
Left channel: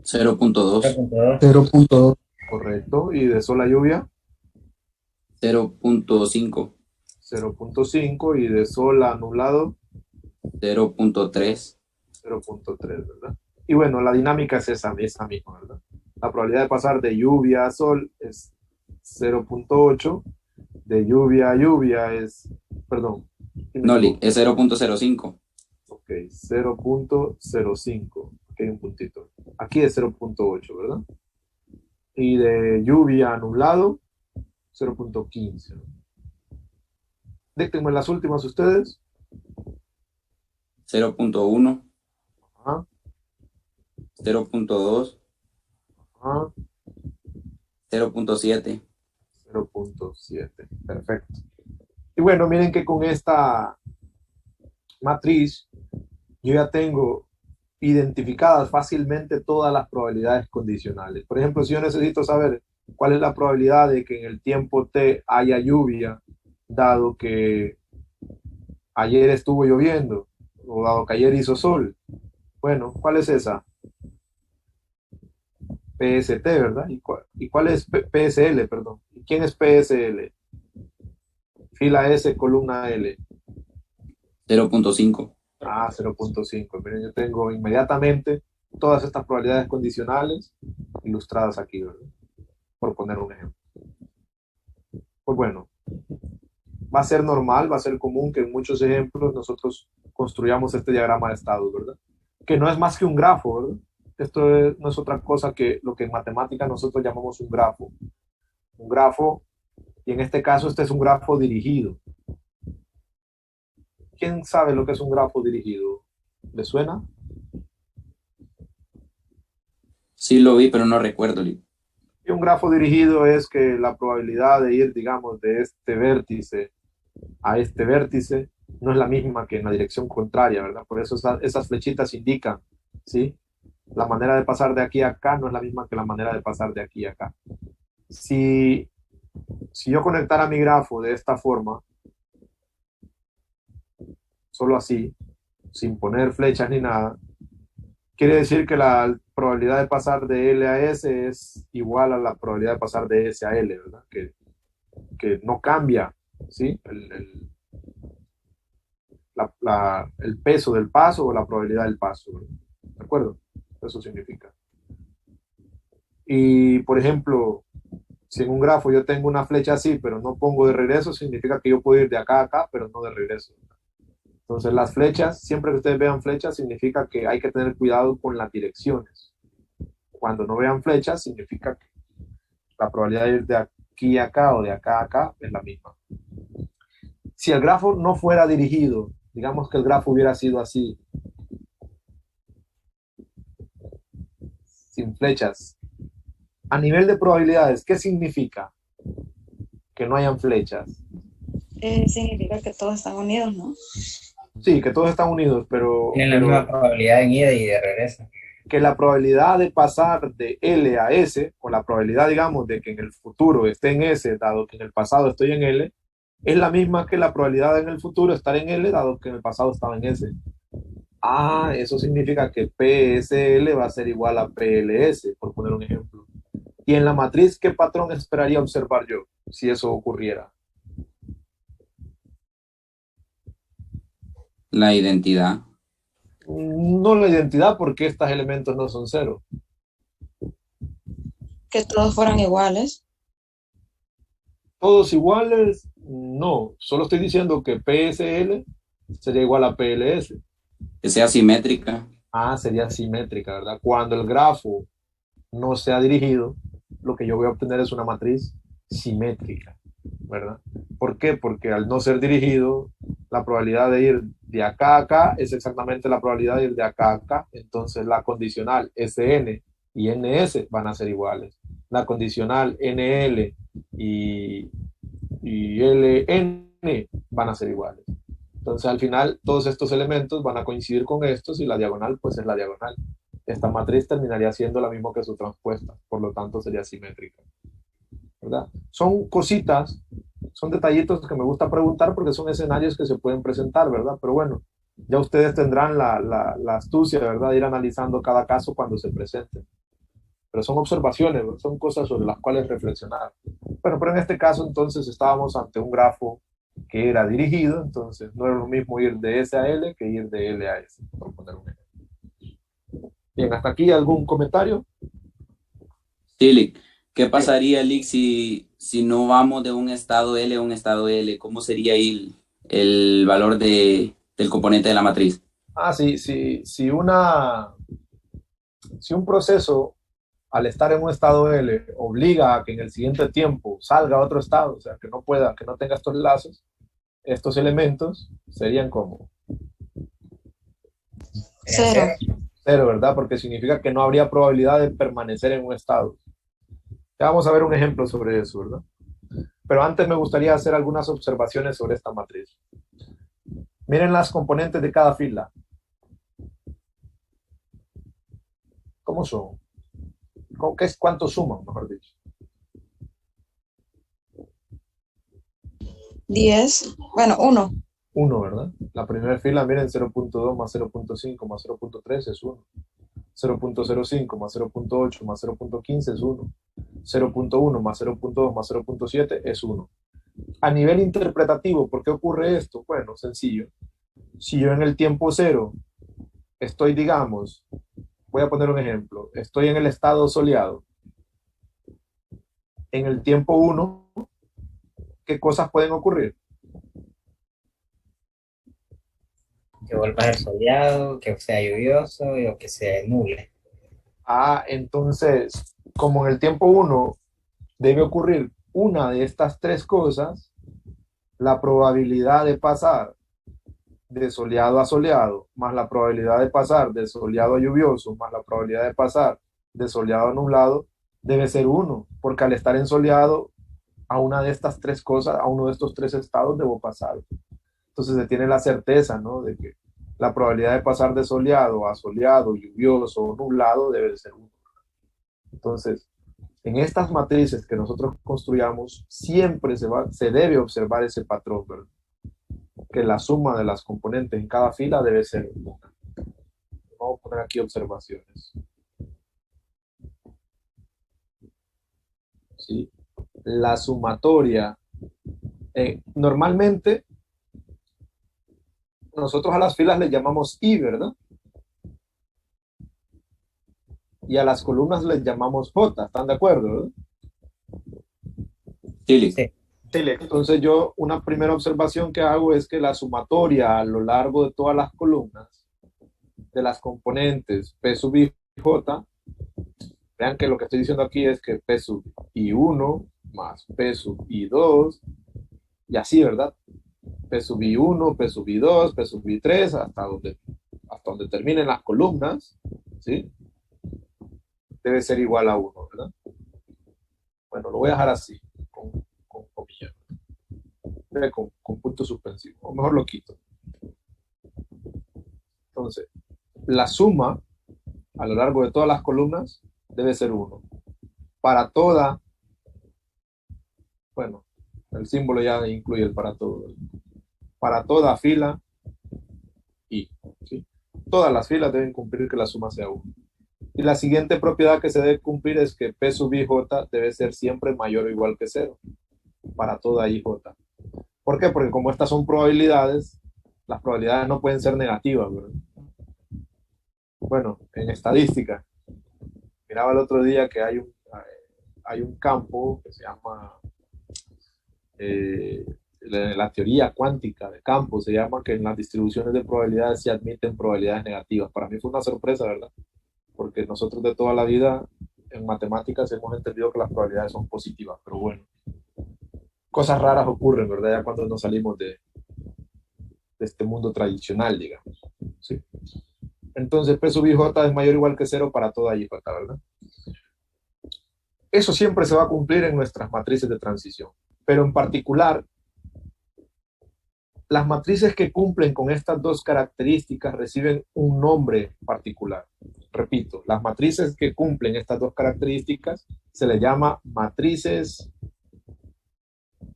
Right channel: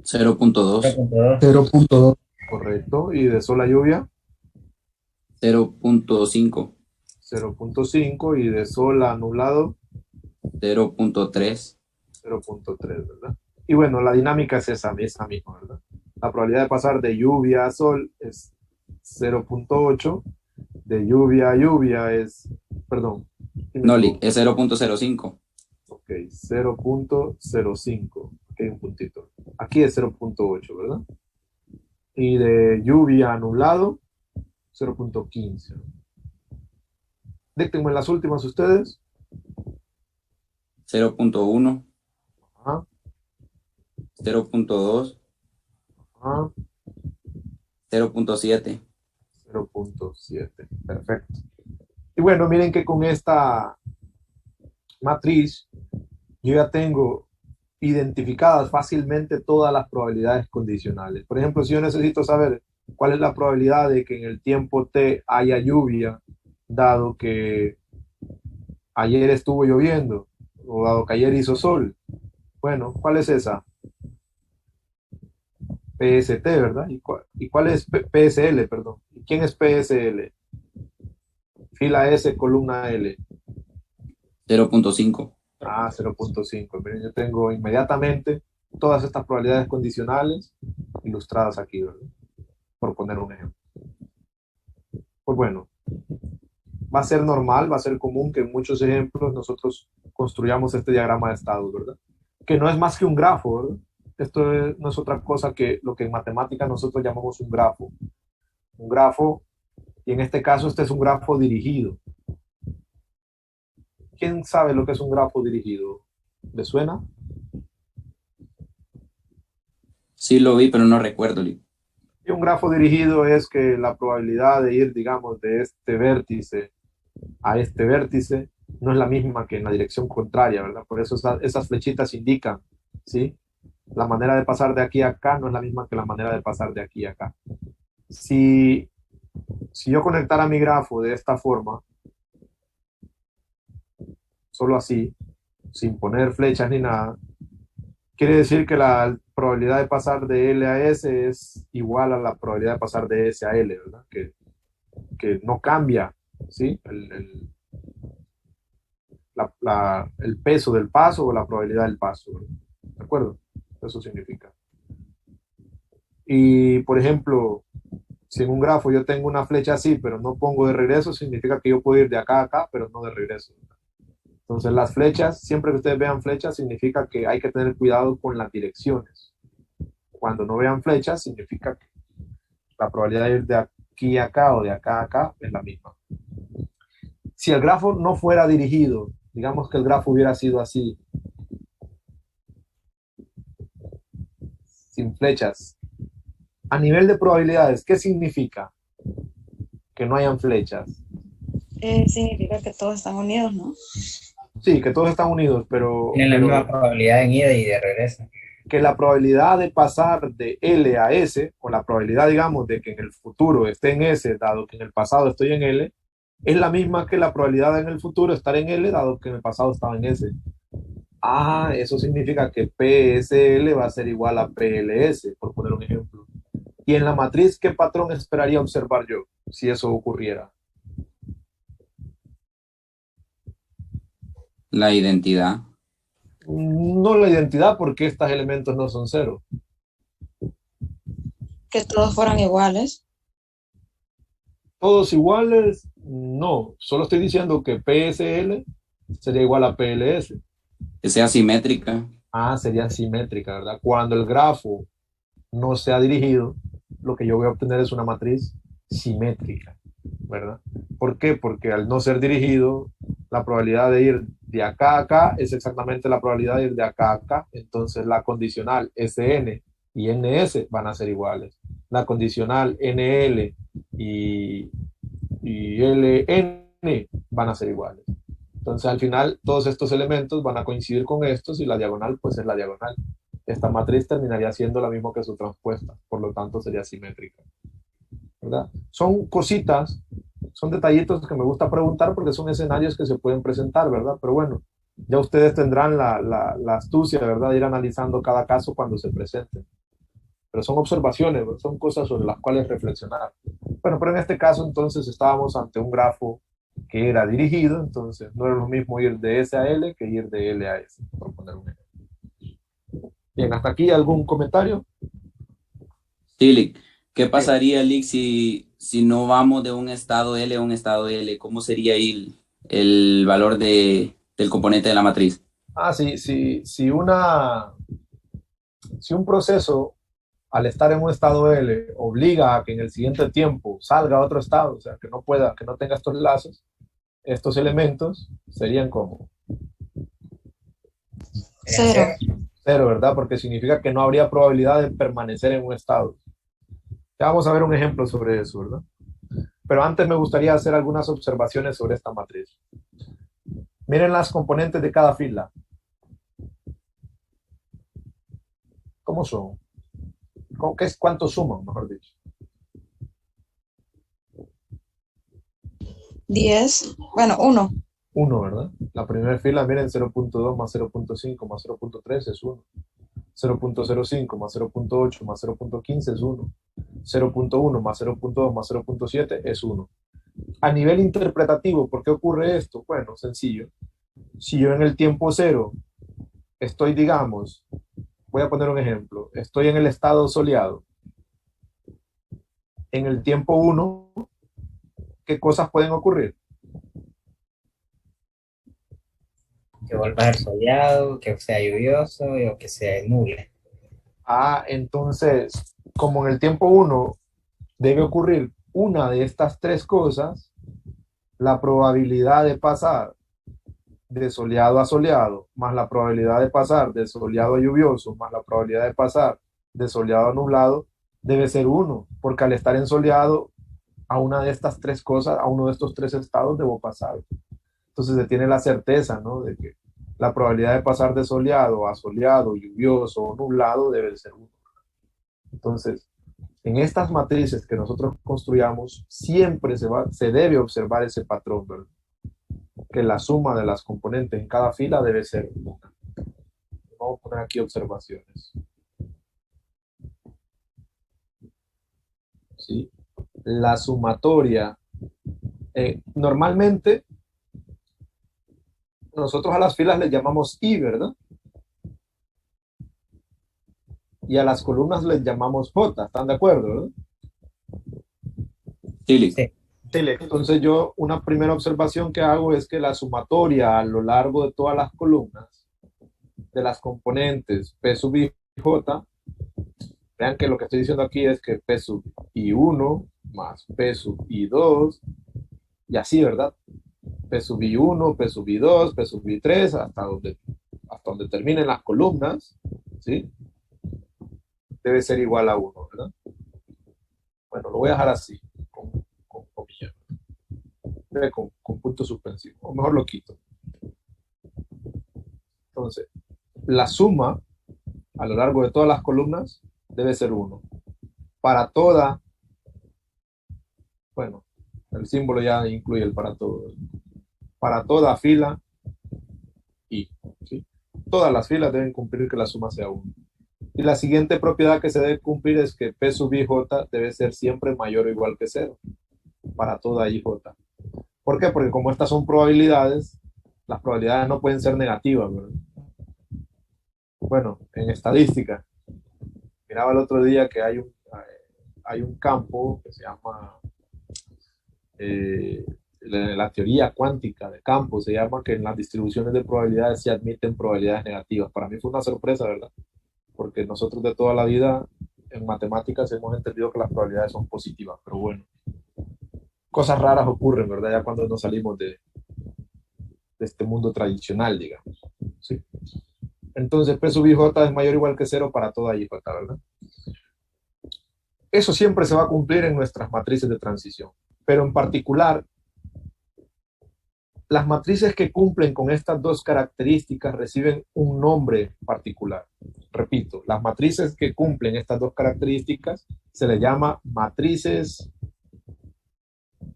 0.2, 0.2, 0.2, Correcto. ¿Y de sol a lluvia? 0.5, 0.5. ¿Y de sol a nublado? 0.3, 0.3, ¿verdad? Y bueno, la dinámica es esa misma, ¿verdad? La probabilidad de pasar de lluvia a sol es 0.8, de lluvia a lluvia es, perdón, no, es 0.05, ok, 0.05, ok, un puntito. Aquí es 0.8, ¿verdad? Y de lluvia a nublado, 0.15. Díctenme las últimas ustedes. 0.1, Ajá, 0.2, ajá, 0.7. 0.7. Perfecto. Y bueno, miren que con esta matriz yo ya tengo identificadas fácilmente todas las probabilidades condicionales. Por ejemplo, si yo necesito saber cuál es la probabilidad de que en el tiempo t haya lluvia, dado que ayer estuvo lloviendo, o dado que ayer hizo sol. Bueno, ¿cuál es esa? PST, ¿verdad? ¿Y cuál es PSL, perdón? ¿Y quién es PSL? Fila S, columna L. 0.5. Ah, 0.5. Miren, yo tengo inmediatamente todas estas probabilidades condicionales ilustradas aquí, ¿verdad? Por poner un ejemplo. Pues bueno, va a ser normal, va a ser común que en muchos ejemplos nosotros construyamos este diagrama de estados, ¿verdad? Que no es más que un grafo, ¿verdad? No es otra cosa que lo que en matemática nosotros llamamos un grafo. Un grafo, y en este caso este es un grafo dirigido. ¿Quién sabe lo que es un grafo dirigido? ¿Le suena? Sí lo vi, pero no recuerdo. Y un grafo dirigido es que la probabilidad de ir, digamos, de este vértice a este vértice no es la misma que en la dirección contraria, ¿verdad? Por eso esas flechitas indican, ¿sí? La manera de pasar de aquí a acá no es la misma que la manera de pasar de aquí a acá. Si yo conectara mi grafo de esta forma, solo así, sin poner flechas ni nada, quiere decir que la probabilidad de pasar de L a S es igual a la probabilidad de pasar de S a L, ¿verdad? Que no cambia, ¿sí? El peso del paso o la probabilidad del paso, ¿verdad? ¿De acuerdo? Eso significa. Y, por ejemplo, si en un grafo yo tengo una flecha así, pero no pongo de regreso, significa que yo puedo ir de acá a acá, pero no de regreso. Entonces, las flechas, siempre que ustedes vean flechas, significa que hay que tener cuidado con las direcciones. Cuando no vean flechas, significa que la probabilidad de ir de aquí a acá o de acá a acá es la misma. Si el grafo no fuera dirigido, digamos que el grafo hubiera sido así, sin flechas, a nivel de probabilidades, ¿qué significa que no hayan flechas? Significa que todos están unidos, ¿no? Sí, que todos están unidos, tienen la misma probabilidad en ida y de regreso. que la probabilidad de pasar de L a S, o la probabilidad, digamos, de que en el futuro esté en S, dado que en el pasado estoy en L, es la misma que la probabilidad en el futuro estar en L, dado que en el pasado estaba en S. Eso significa que PSL va a ser igual a PLS, por poner un ejemplo. Y en la matriz, ¿qué patrón esperaría observar yo si eso ocurriera? La identidad. No la identidad, porque estos elementos no son cero. Que todos fueran iguales. ¿Todos iguales? No, solo estoy diciendo que PSL sería igual a PLS. Que sea simétrica. Sería simétrica, ¿verdad? Cuando el grafo no sea dirigido, lo que yo voy a obtener es una matriz simétrica, ¿verdad? ¿Por qué? Porque al no ser dirigido, la probabilidad de ir de acá a acá es exactamente la probabilidad de ir de acá a acá. Entonces la condicional Sn y Ns van a ser iguales. La condicional Nl y, y Ln van a ser iguales. Entonces al final todos estos elementos van a coincidir con estos y la diagonal pues es la diagonal. Esta matriz terminaría siendo la misma que su transpuesta, por lo tanto sería simétrica, ¿verdad? Son cositas, son detallitos que me gusta preguntar porque son escenarios que se pueden presentar, ¿verdad? Pero bueno, ya ustedes tendrán la astucia, ¿verdad? De ir analizando cada caso cuando se presenten. Pero son observaciones, ¿verdad? Son cosas sobre las cuales reflexionar. Bueno, pero en este caso entonces estábamos ante un grafo que era dirigido, entonces no era lo mismo ir de S a L que ir de L a S, por poner un ejemplo. Bien, hasta aquí algún comentario. Sí, Lick. ¿Qué Bien. pasaría, Lick, si no vamos de un estado L a un estado L? ¿Cómo sería ahí el valor del componente de la matriz? Si un proceso al estar en un estado L obliga a que en el siguiente tiempo salga a otro estado, o sea, que no tenga estos lazos, estos elementos serían como Cero. cero, ¿verdad? Porque significa que no habría probabilidad de permanecer en un estado. Ya vamos a ver un ejemplo sobre eso, ¿verdad? Pero antes me gustaría hacer algunas observaciones sobre esta matriz. Miren las componentes de cada fila. ¿Cómo son? ¿Cuánto suman, mejor dicho? 10. Bueno, 1. 1, ¿verdad? La primera fila, miren, 0.2 más 0.5 más 0.3 es 1. 0.05 más 0.8 más 0.15 es 1. 0.1 más 0.2 más 0.7 es 1. A nivel interpretativo, ¿por qué ocurre esto? Bueno, sencillo. Si yo en el tiempo cero estoy, digamos, voy a poner un ejemplo, estoy en el estado soleado, en el tiempo 1, ¿qué cosas pueden ocurrir? Que vuelva a ser soleado, que sea lluvioso o que sea nuble. Entonces, como en el tiempo 1 debe ocurrir una de estas tres cosas, la probabilidad de pasar de soleado a soleado, más la probabilidad de pasar de soleado a lluvioso, más la probabilidad de pasar de soleado a nublado, debe ser 1, porque al estar en soleado, a una de estas tres cosas, a uno de estos tres estados debo pasar. Entonces se tiene la certeza, ¿no? De que la probabilidad de pasar de soleado, lluvioso o nublado debe ser 1. Entonces, en estas matrices que nosotros construyamos, siempre se debe observar ese patrón, ¿verdad? Que la suma de las componentes en cada fila debe ser 1. Vamos a poner aquí observaciones. ¿Sí? La sumatoria. Normalmente, nosotros a las filas les llamamos I, ¿verdad? Y a las columnas les llamamos J, ¿están de acuerdo, verdad? Sí, Lick. Sí. Entonces yo, una primera observación que hago es que la sumatoria a lo largo de todas las columnas de las componentes P sub I J, vean que lo que estoy diciendo aquí es que P sub I1 más P sub I2 y así, ¿verdad? P sub I1, P sub I2, P sub I3, hasta donde terminen las columnas, ¿sí? Debe ser igual a 1, ¿verdad? Bueno, lo voy a dejar así, con comillas, con punto suspensivo, o mejor lo quito. Entonces, la suma a lo largo de todas las columnas debe ser 1. Para toda, bueno, el símbolo ya incluye el para todo. Para toda fila I, ¿sí? todas las filas deben cumplir que la suma sea 1. Y la siguiente propiedad que se debe cumplir es que P sub IJ debe ser siempre mayor o igual que 0 para toda IJ. ¿Por qué? Porque como estas son probabilidades, las probabilidades no pueden ser negativas, ¿verdad? Bueno, en estadística, miraba el otro día que hay un campo que se llama eh, la teoría cuántica de campos, se llama que en las distribuciones de probabilidades se admiten probabilidades negativas. Para mí fue una sorpresa, ¿verdad? Porque nosotros de toda la vida en matemáticas hemos entendido que las probabilidades son positivas, pero bueno, cosas raras ocurren, ¿verdad? Ya cuando nos salimos de este mundo tradicional, digamos. ¿Sí? Entonces, P sub IJ es mayor o igual que 0 para toda IJ, ¿verdad? Eso siempre se va a cumplir en nuestras matrices de transición, pero en particular, las matrices que cumplen con estas dos características reciben un nombre particular. Repito, las matrices que cumplen estas dos características se les llama matrices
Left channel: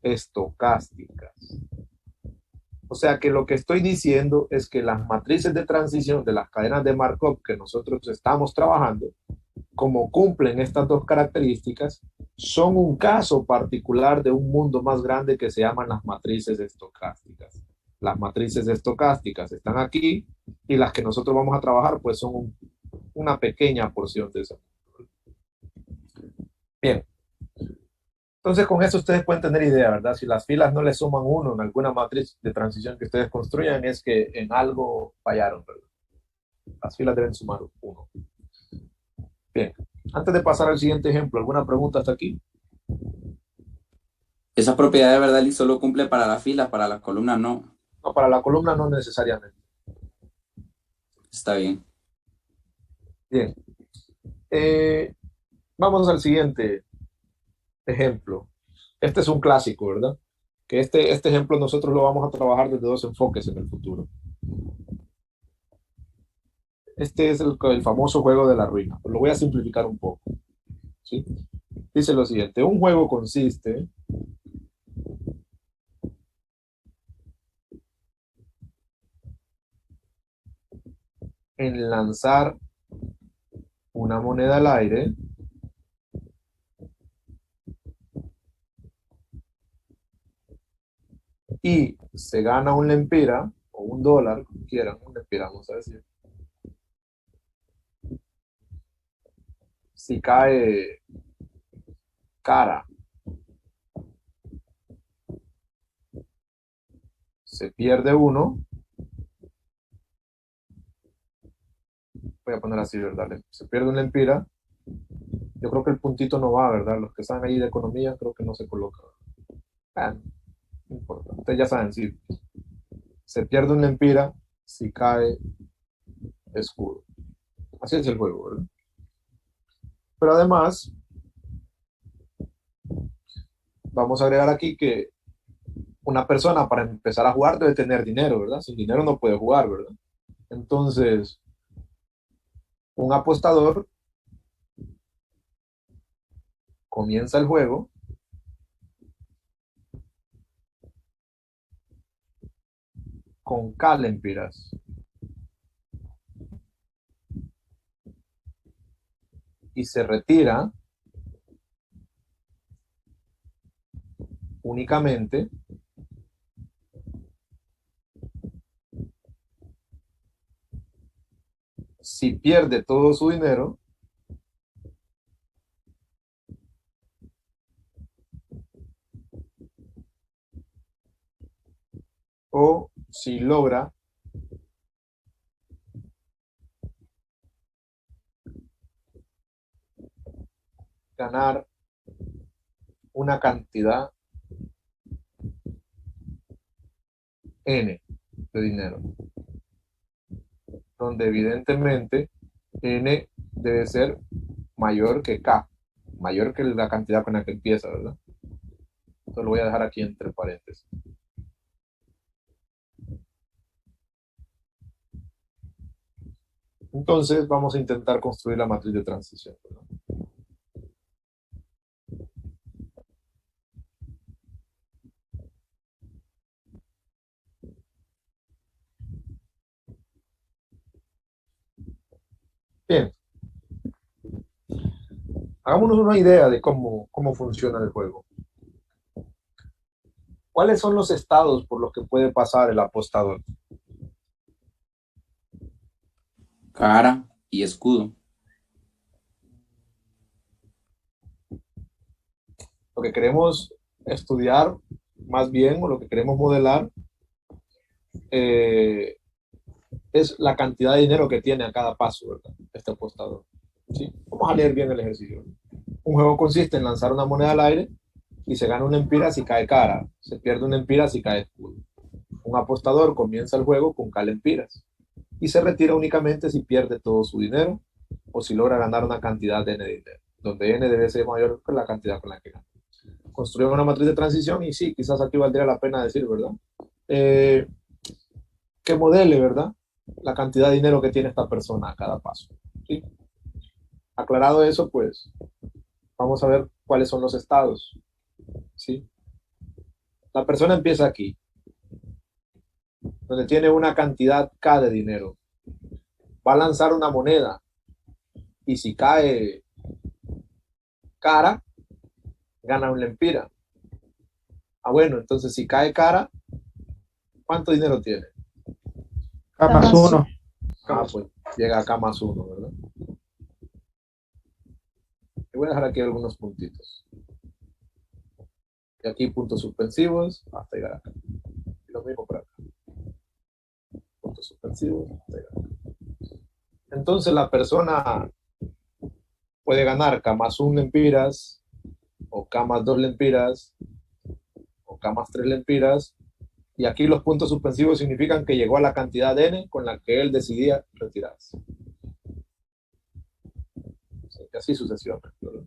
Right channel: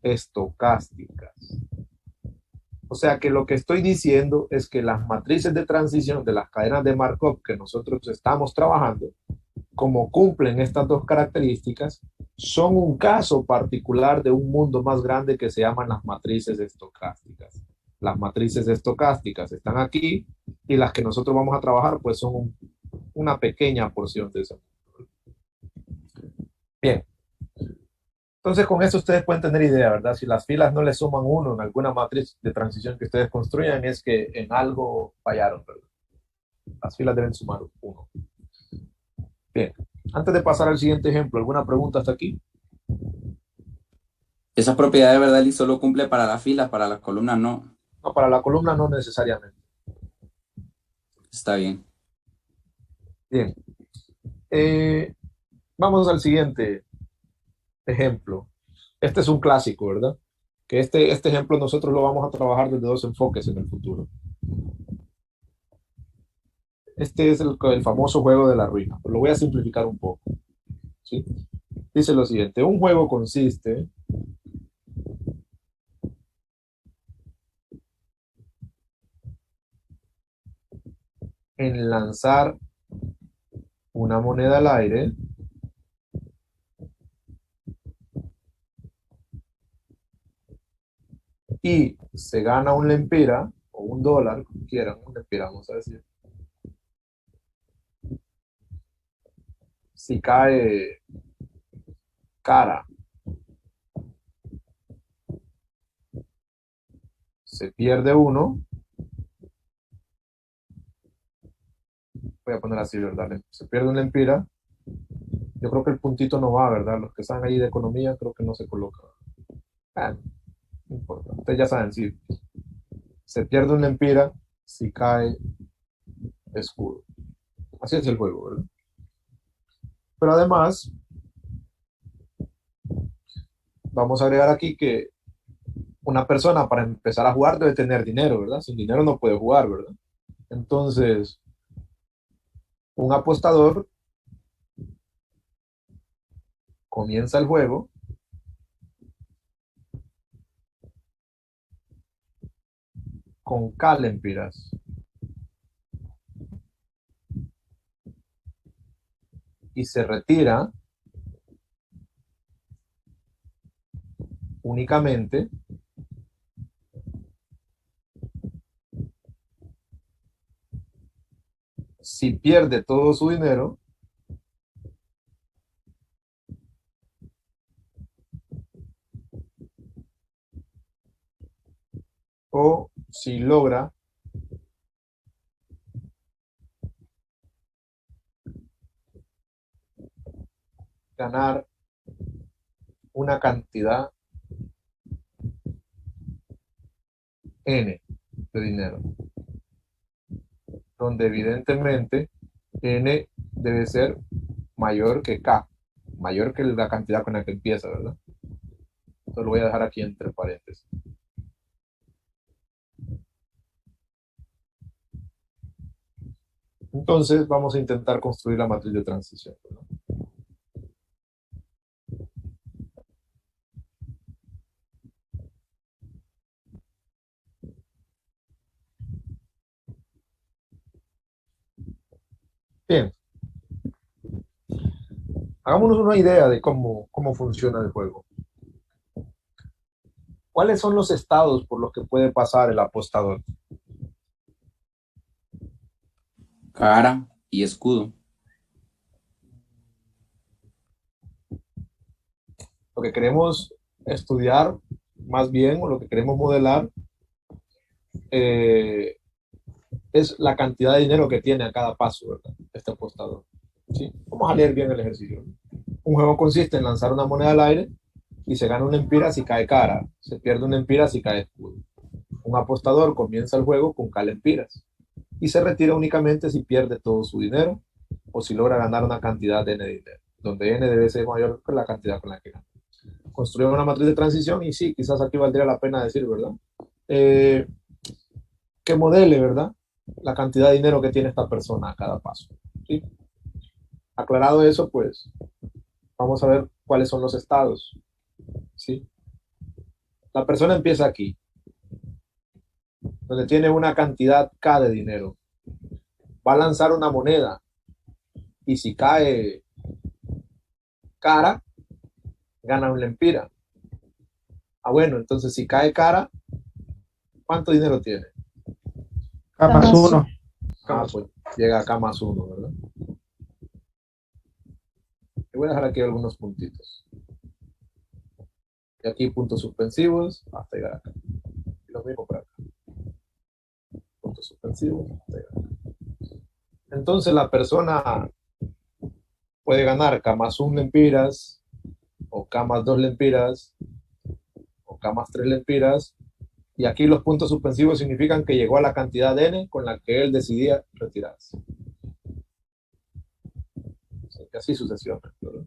estocásticas. O sea que lo que estoy diciendo es que las matrices de transición de las cadenas de Markov que nosotros estamos trabajando, como cumplen estas dos características, son un caso particular de un mundo más grande que se llaman las matrices estocásticas. Las matrices estocásticas están aquí y las que nosotros vamos a trabajar pues son una pequeña porción de eso. Bien. Entonces con eso ustedes pueden tener idea, ¿verdad? Si las filas no le suman 1 en alguna matriz de transición que ustedes construyan es que en algo fallaron, ¿verdad? Las filas deben sumar 1. Bien. Antes de pasar al siguiente ejemplo, ¿alguna pregunta hasta aquí? Esa propiedad de verdad y solo cumple para las filas, para las columnas no. No, para la columna no necesariamente. Está bien. Bien. Vamos al siguiente ejemplo. Este es un clásico, ¿verdad? Que este ejemplo nosotros lo vamos a trabajar desde dos enfoques en el futuro. Este es el famoso juego de la ruina. Lo voy a simplificar un poco. ¿Sí? Dice lo siguiente, un juego consiste en lanzar una moneda al aire y se gana un lempira o un dólar, como quieran, un lempira, vamos a decir. Si cae cara, se pierde uno. Voy a poner así, ¿verdad? Se pierde un lempira. Yo creo que el puntito no va, ¿verdad? Los que están ahí de economía creo que no se coloca. Ah, no importa. Ustedes ya saben, sí. Se pierde un lempira, si cae escudo. Así es el juego, ¿verdad? Pero además, vamos a agregar aquí que una persona para empezar a jugar debe tener dinero, ¿verdad? Sin dinero no puede jugar, ¿verdad? Entonces, un apostador comienza el juego con K lempiras y se retira únicamente si pierde todo su dinero o si logra ganar una cantidad N de dinero, donde evidentemente N debe ser mayor que K, mayor que la cantidad con la que empieza, ¿verdad? Esto lo voy a dejar aquí entre paréntesis. Entonces vamos a intentar construir la matriz de transición, ¿verdad? Bien, hagámonos una idea de cómo funciona el juego. ¿Cuáles son los estados por los que puede pasar el apostador? Cara y escudo. Lo que queremos estudiar, más bien, o lo que queremos modelar, es la cantidad de dinero que tiene a cada paso, ¿verdad? Este apostador. ¿Sí? Vamos a leer bien el ejercicio. Un juego consiste en lanzar una moneda al aire y se gana una empira si cae cara, se pierde una empira si cae escudo. Un apostador comienza el juego con lempiras y se retira únicamente si pierde todo su dinero o si logra ganar una cantidad de N de dinero, donde N debe ser mayor que la cantidad con la que gana. Construimos una matriz de transición y sí, quizás aquí valdría la pena decir, ¿verdad? Que modele, ¿verdad? La cantidad de dinero que tiene esta persona a cada paso. ¿Sí? Aclarado eso, pues vamos a ver cuáles son los estados. ¿Sí? La persona empieza aquí, donde tiene una cantidad K de dinero. Va a lanzar una moneda y si cae cara, gana un lempira. Ah, bueno, entonces si cae cara, ¿cuánto dinero tiene? K más 1. Ah, pues llega acá más uno, ¿verdad? Y voy a dejar aquí algunos puntitos. Y aquí puntos suspensivos hasta llegar acá. Y lo mismo para acá. Puntos suspensivos hasta llegar acá. Entonces la persona puede ganar K más 1 lempiras, o K más 2 lempiras, o K más 3 lempiras. Y aquí los puntos suspensivos significan que llegó a la cantidad de N con la que él decidía retirarse. Y así sucesivamente, ¿verdad?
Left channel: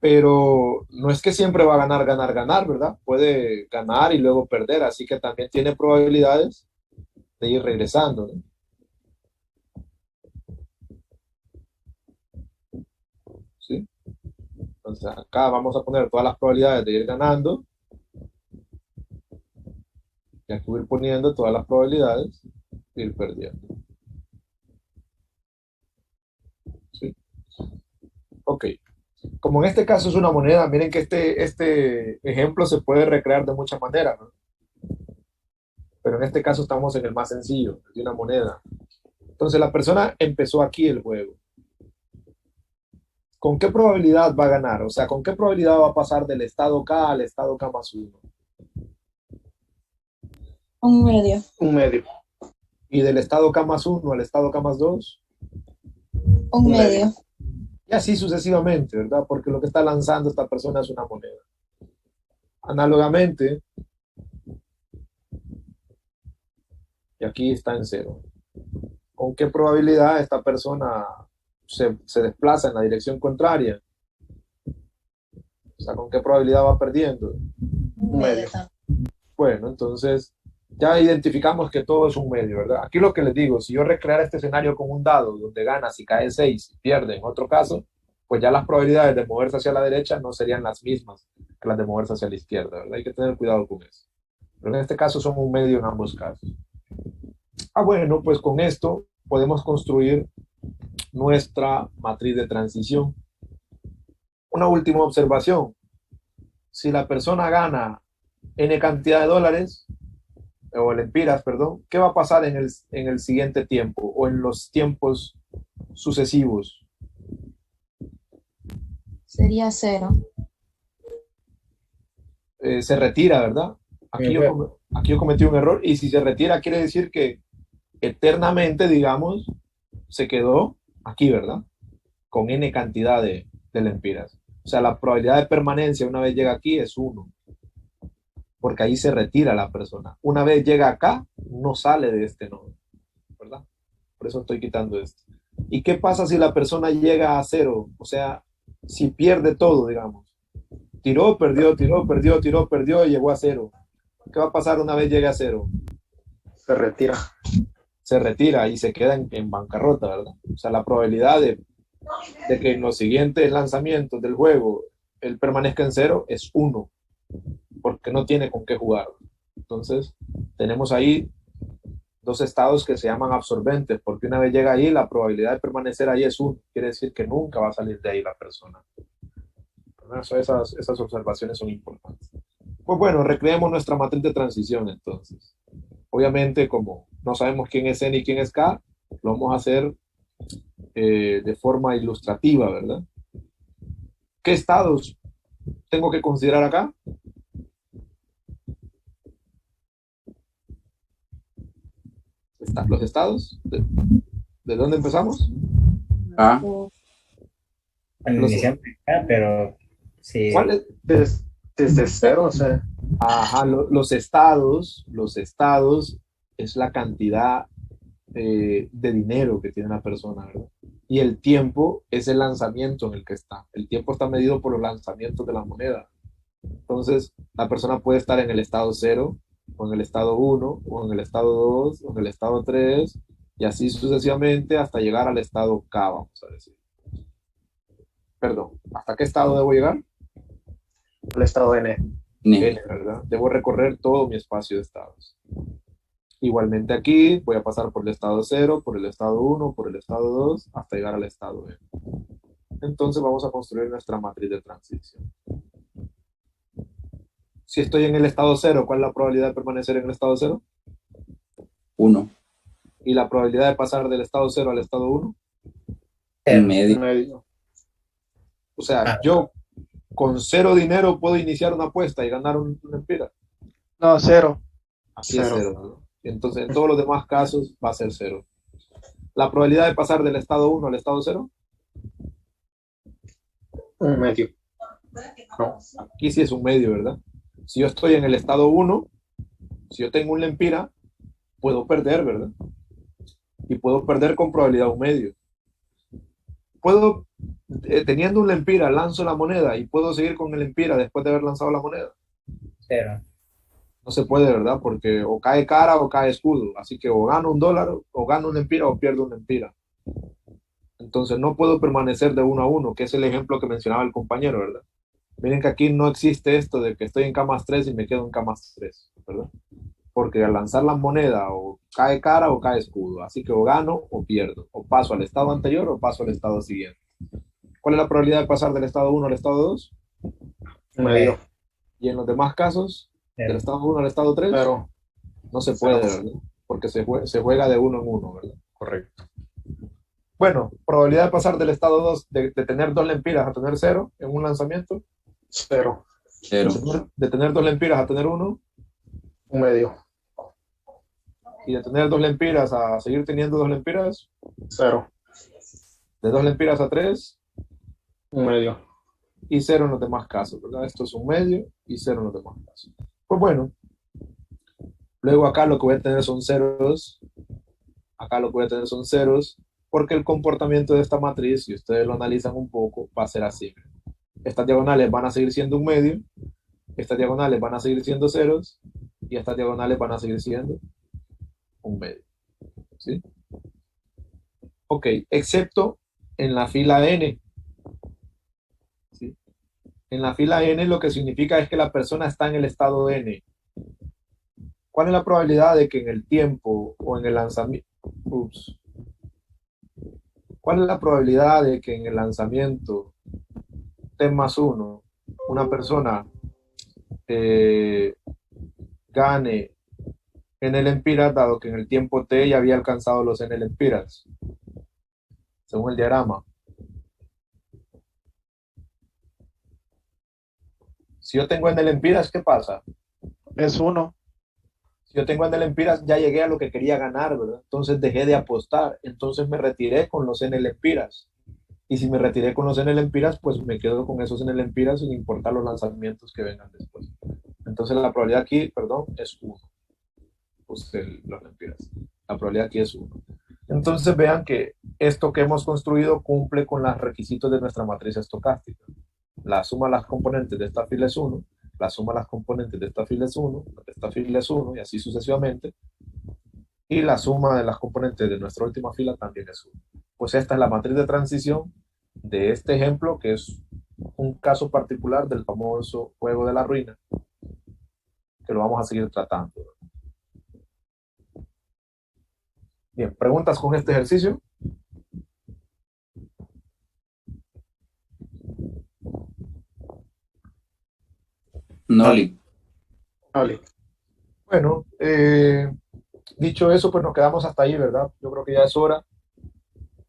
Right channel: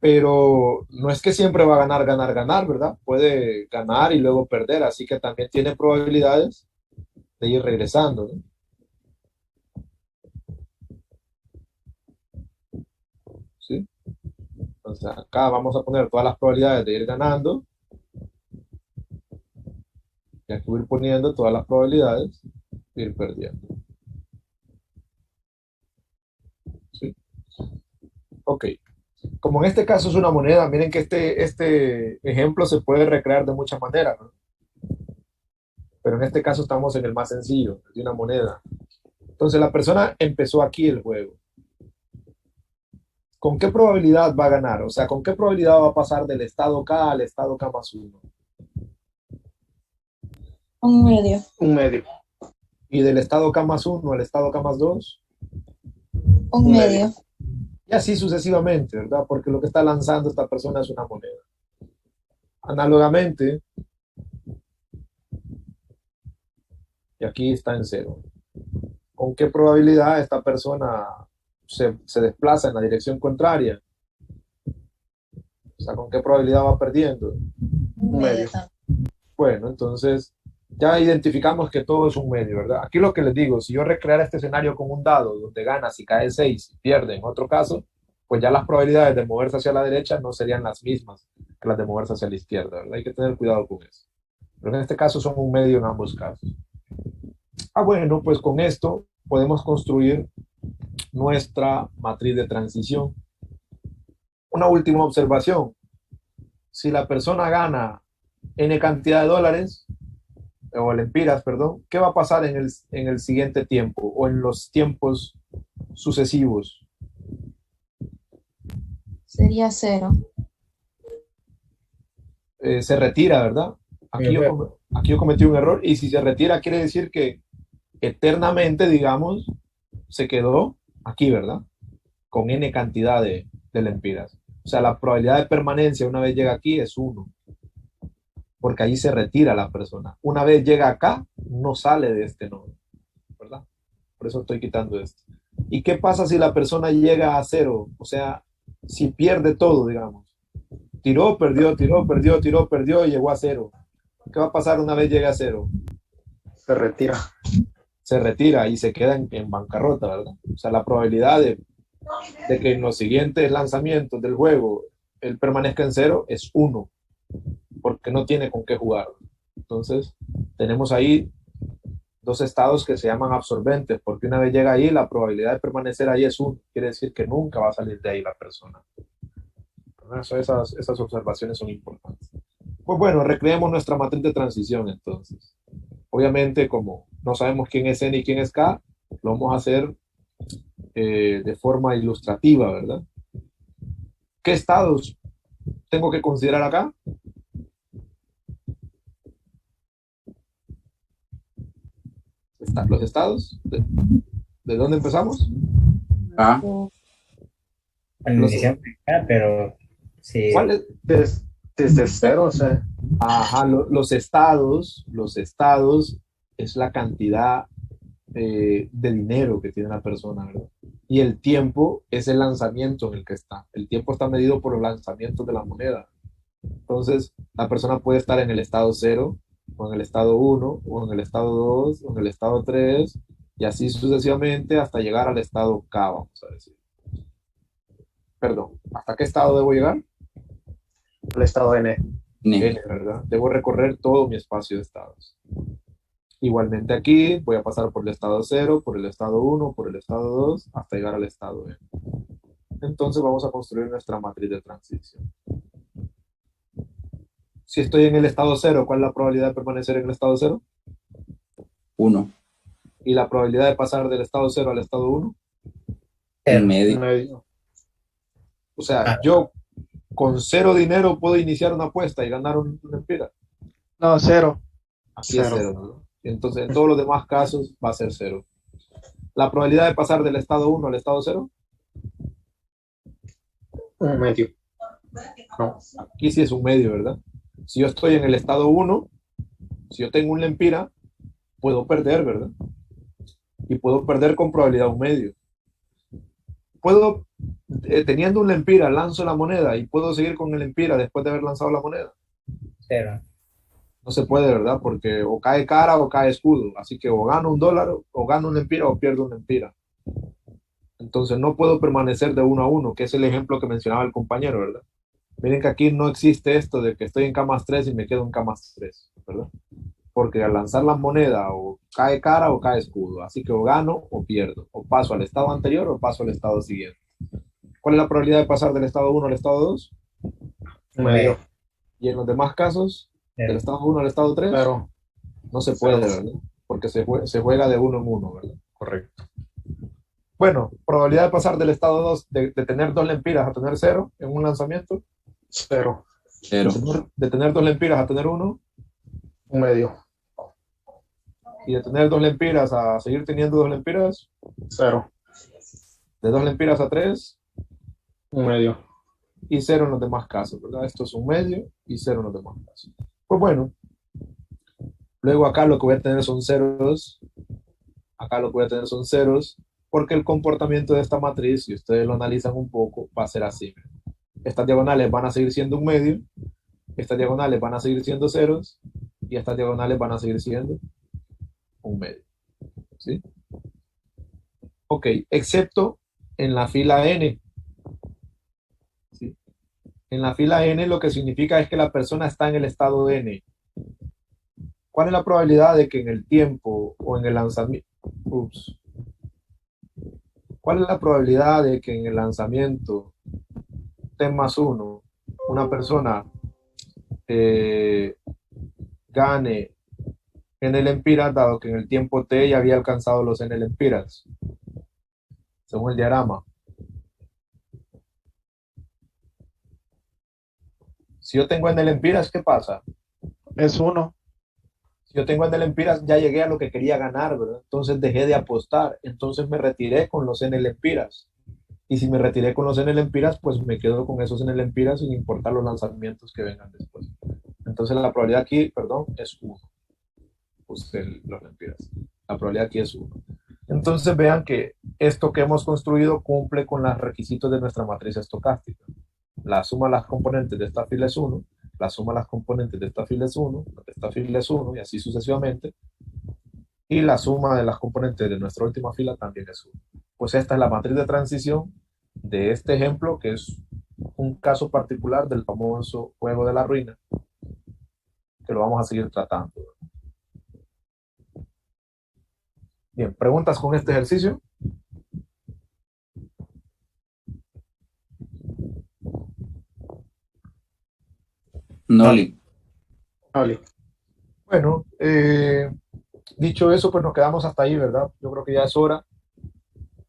Pero no es que siempre va a ganar, ganar, ganar, ¿verdad? Puede ganar y luego perder, así que también tiene probabilidades de ir regresando, ¿no? ¿Sí? Entonces acá vamos a poner todas las probabilidades de ir ganando y aquí voy a ir poniendo todas las probabilidades de ir perdiendo. ¿Sí? Ok. Como en este caso es una moneda, miren que este ejemplo se puede recrear de muchas maneras, ¿no? Pero en este caso estamos en el más sencillo, de una moneda. Entonces la persona empezó aquí el juego. ¿Con qué probabilidad va a ganar? O sea, ¿con qué probabilidad va a pasar del estado K al estado K más 1? Un medio. Un medio. ¿Y del estado K más 1 al estado K más 2? Un medio. Y así sucesivamente, ¿verdad? Porque lo que está lanzando esta persona es una moneda. Análogamente, y aquí está en 0. ¿Con qué probabilidad esta persona se desplaza en la dirección contraria? O sea, ¿con qué probabilidad va perdiendo? Un medio. Bueno, entonces ya identificamos que todo es un medio, ¿verdad? Aquí lo que les digo, si yo recreara este escenario con un dado donde gana si cae 6 y pierde en otro caso, pues ya las probabilidades de moverse hacia la derecha no serían las mismas que las de moverse hacia la izquierda, ¿verdad? Hay que tener cuidado con eso. Pero en este caso son un medio en ambos casos. Ah, bueno, pues con esto podemos construir nuestra matriz de transición. Una última observación. Si la persona gana N cantidad de dólares, o lempiras, perdón, ¿qué va a pasar en el siguiente tiempo o en los tiempos sucesivos? Sería 0. Se retira, ¿verdad? Aquí yo cometí un error y si se retira quiere decir que eternamente, digamos, se quedó aquí, ¿verdad? Con N cantidad de lempiras. O sea, la probabilidad de permanencia una vez llega aquí es 1, porque ahí se retira la persona. Una vez llega acá, no sale de este nodo, ¿verdad? Por eso estoy quitando esto. ¿Y qué pasa si la persona llega a 0? O sea, si pierde todo, digamos. Tiró, perdió, tiró, perdió, tiró, perdió y llegó a 0. ¿Qué va a pasar una vez llegue a 0? Se retira. Se retira y se queda en bancarrota, ¿verdad? O sea, la probabilidad de que en los siguientes lanzamientos del juego él permanezca en 0 es 1, porque no tiene con qué jugar. Entonces, tenemos ahí dos estados que se llaman absorbentes, porque una vez llega ahí, la probabilidad de permanecer ahí es 1. Quiere decir que nunca va a salir de ahí la persona. Esas observaciones son importantes. Pues bueno, recreemos nuestra matriz de transición entonces. Obviamente, como no sabemos quién es N y quién es K, lo vamos a hacer de forma ilustrativa, ¿verdad? ¿Qué estados tengo que considerar acá? Los estados. ¿De dónde empezamos? Ah, Bueno, Los- iniciamos acá, pero sí, ¿Cuáles? Desde cero, o sea, Ajá, los estados es la cantidad de dinero que tiene la persona, ¿verdad? Y el tiempo es el lanzamiento en el que está. El tiempo está medido por los lanzamientos de la moneda. Entonces, la persona puede estar en el estado 0, o en el estado 1, o en el estado 2, o en el estado 3, y así sucesivamente hasta llegar al estado K, vamos a decir. Perdón, ¿hasta qué estado debo llegar? el estado N. N. ¿Verdad? Debo recorrer todo mi espacio de estados. Igualmente aquí voy a pasar por el estado 0, por el estado 1, por el estado 2, hasta llegar al estado N. Entonces vamos a construir nuestra matriz de transición. Si estoy en el estado 0, ¿cuál es la probabilidad de permanecer en el estado 0? 1. Y la probabilidad de pasar del estado 0 al estado 1. En medio. Medio. O sea, yo con 0 dinero puedo iniciar una apuesta y ganar una empira. No, cero. Aquí es Cero. 0, ¿no? Entonces, en todos los demás casos va a ser 0. La probabilidad de pasar del estado 1 al estado 0, Un medio. No. aquí sí es un medio, ¿verdad? Si yo estoy en el estado 1, si yo tengo un lempira, puedo perder, ¿verdad? Y puedo perder con probabilidad un medio. Puedo, teniendo un lempira, lanzo la moneda y puedo seguir con el lempira después de haber lanzado la moneda. cero. No se puede, ¿verdad? Porque o cae cara o cae escudo. Así que o gano un dólar, o gano un lempira, o pierdo un lempira. Entonces no puedo permanecer de 1 a 1, que es el ejemplo que mencionaba el compañero, ¿verdad? Miren que aquí no existe esto de que estoy en K más 3 y me quedo en K más 3, ¿verdad? Porque al lanzar la moneda o cae cara o cae escudo. Así que o gano o pierdo. O paso al estado anterior o paso al estado siguiente. ¿Cuál es la probabilidad de pasar del estado 1 al estado 2? Un medio. Y en los demás casos, del Cero. estado 1 al estado 3, Cero. no se puede, Cero. ¿verdad? Porque se juega de 1 en 1, ¿verdad? Correcto. Bueno, probabilidad de pasar del estado 2, de tener 2 lempiras a tener 0 en un lanzamiento. Cero. 0. De tener 2 lempiras a tener 1. Un medio. Y de tener 2 lempiras a seguir teniendo 2 lempiras. Cero. De 2 lempiras a 3. Un medio. Y 0 en los demás casos, ¿verdad? Esto es un medio y 0 en los demás casos. Pues bueno, luego acá lo que voy a tener son ceros. Acá lo que voy a tener son ceros, porque el comportamiento de esta matriz, si ustedes lo analizan un poco, va a ser así. Estas diagonales van a seguir siendo un medio, estas diagonales van a seguir siendo ceros, y estas diagonales van a seguir siendo un medio. ¿Sí? Ok, excepto en la fila n. ¿Sí? En la fila n lo que significa es que la persona está en el estado n. ¿Cuál es la probabilidad de que en el tiempo o en el lanzamiento... ¿Cuál es la probabilidad de que en el lanzamiento T más 1 una persona gane en el empiras, dado que en el tiempo T ya había alcanzado los en el empiras, según el diagrama? Si yo tengo en el empiras, ¿qué pasa? Es uno. Si yo tengo en el empiras, ya llegué a lo que quería ganar, ¿verdad? Entonces dejé de apostar, entonces me retiré con los en el empiras. Y si me retiré con los en el empiras, pues me quedo con esos en el empiras sin importar los lanzamientos que vengan después. Entonces la probabilidad aquí, perdón, es 1. Pues los empiras. La probabilidad aquí es 1. Entonces vean que esto que hemos construido cumple con los requisitos de nuestra matriz estocástica. La suma de las componentes de esta fila es 1, la suma de las componentes de esta fila es 1, de esta fila es 1, y así sucesivamente. Y la suma de las componentes de nuestra última fila también es 1. Pues esta es la matriz de transición de este ejemplo, que es un caso particular del famoso juego de la ruina. que lo vamos a seguir tratando. Bien, ¿preguntas con este ejercicio? No, Lick. Ali. Bueno, dicho eso, pues nos quedamos hasta ahí, ¿verdad? Yo creo que ya es hora.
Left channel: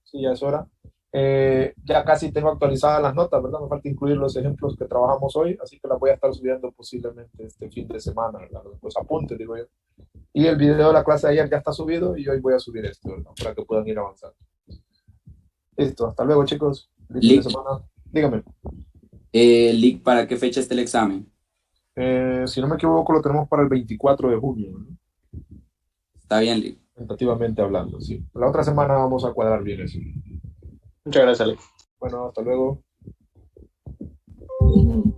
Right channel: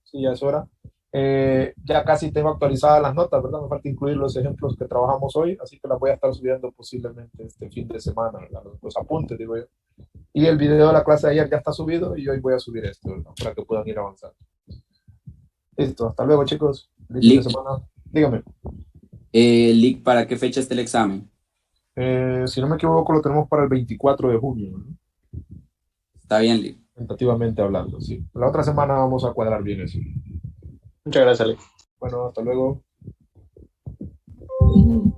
Sí, ya es hora. Ya casi tengo actualizadas las notas, ¿verdad? Me falta incluir los ejemplos que trabajamos hoy, así que las voy a estar subiendo posiblemente este fin de semana, ¿verdad? Los apuntes, digo yo. Y el video de la clase de ayer ya está subido y hoy voy a subir esto, ¿verdad? Para que puedan ir avanzando. Listo, hasta luego, chicos. Feliz fin de Lick. semana. Dígame. Lick, ¿para qué fecha está el examen? Si no me equivoco, lo tenemos para el 24 de junio, ¿no? Está bien, Lick. Tentativamente hablando, sí. La otra semana vamos a cuadrar bien eso. Muchas gracias, Ali. Bueno, hasta luego. Mm.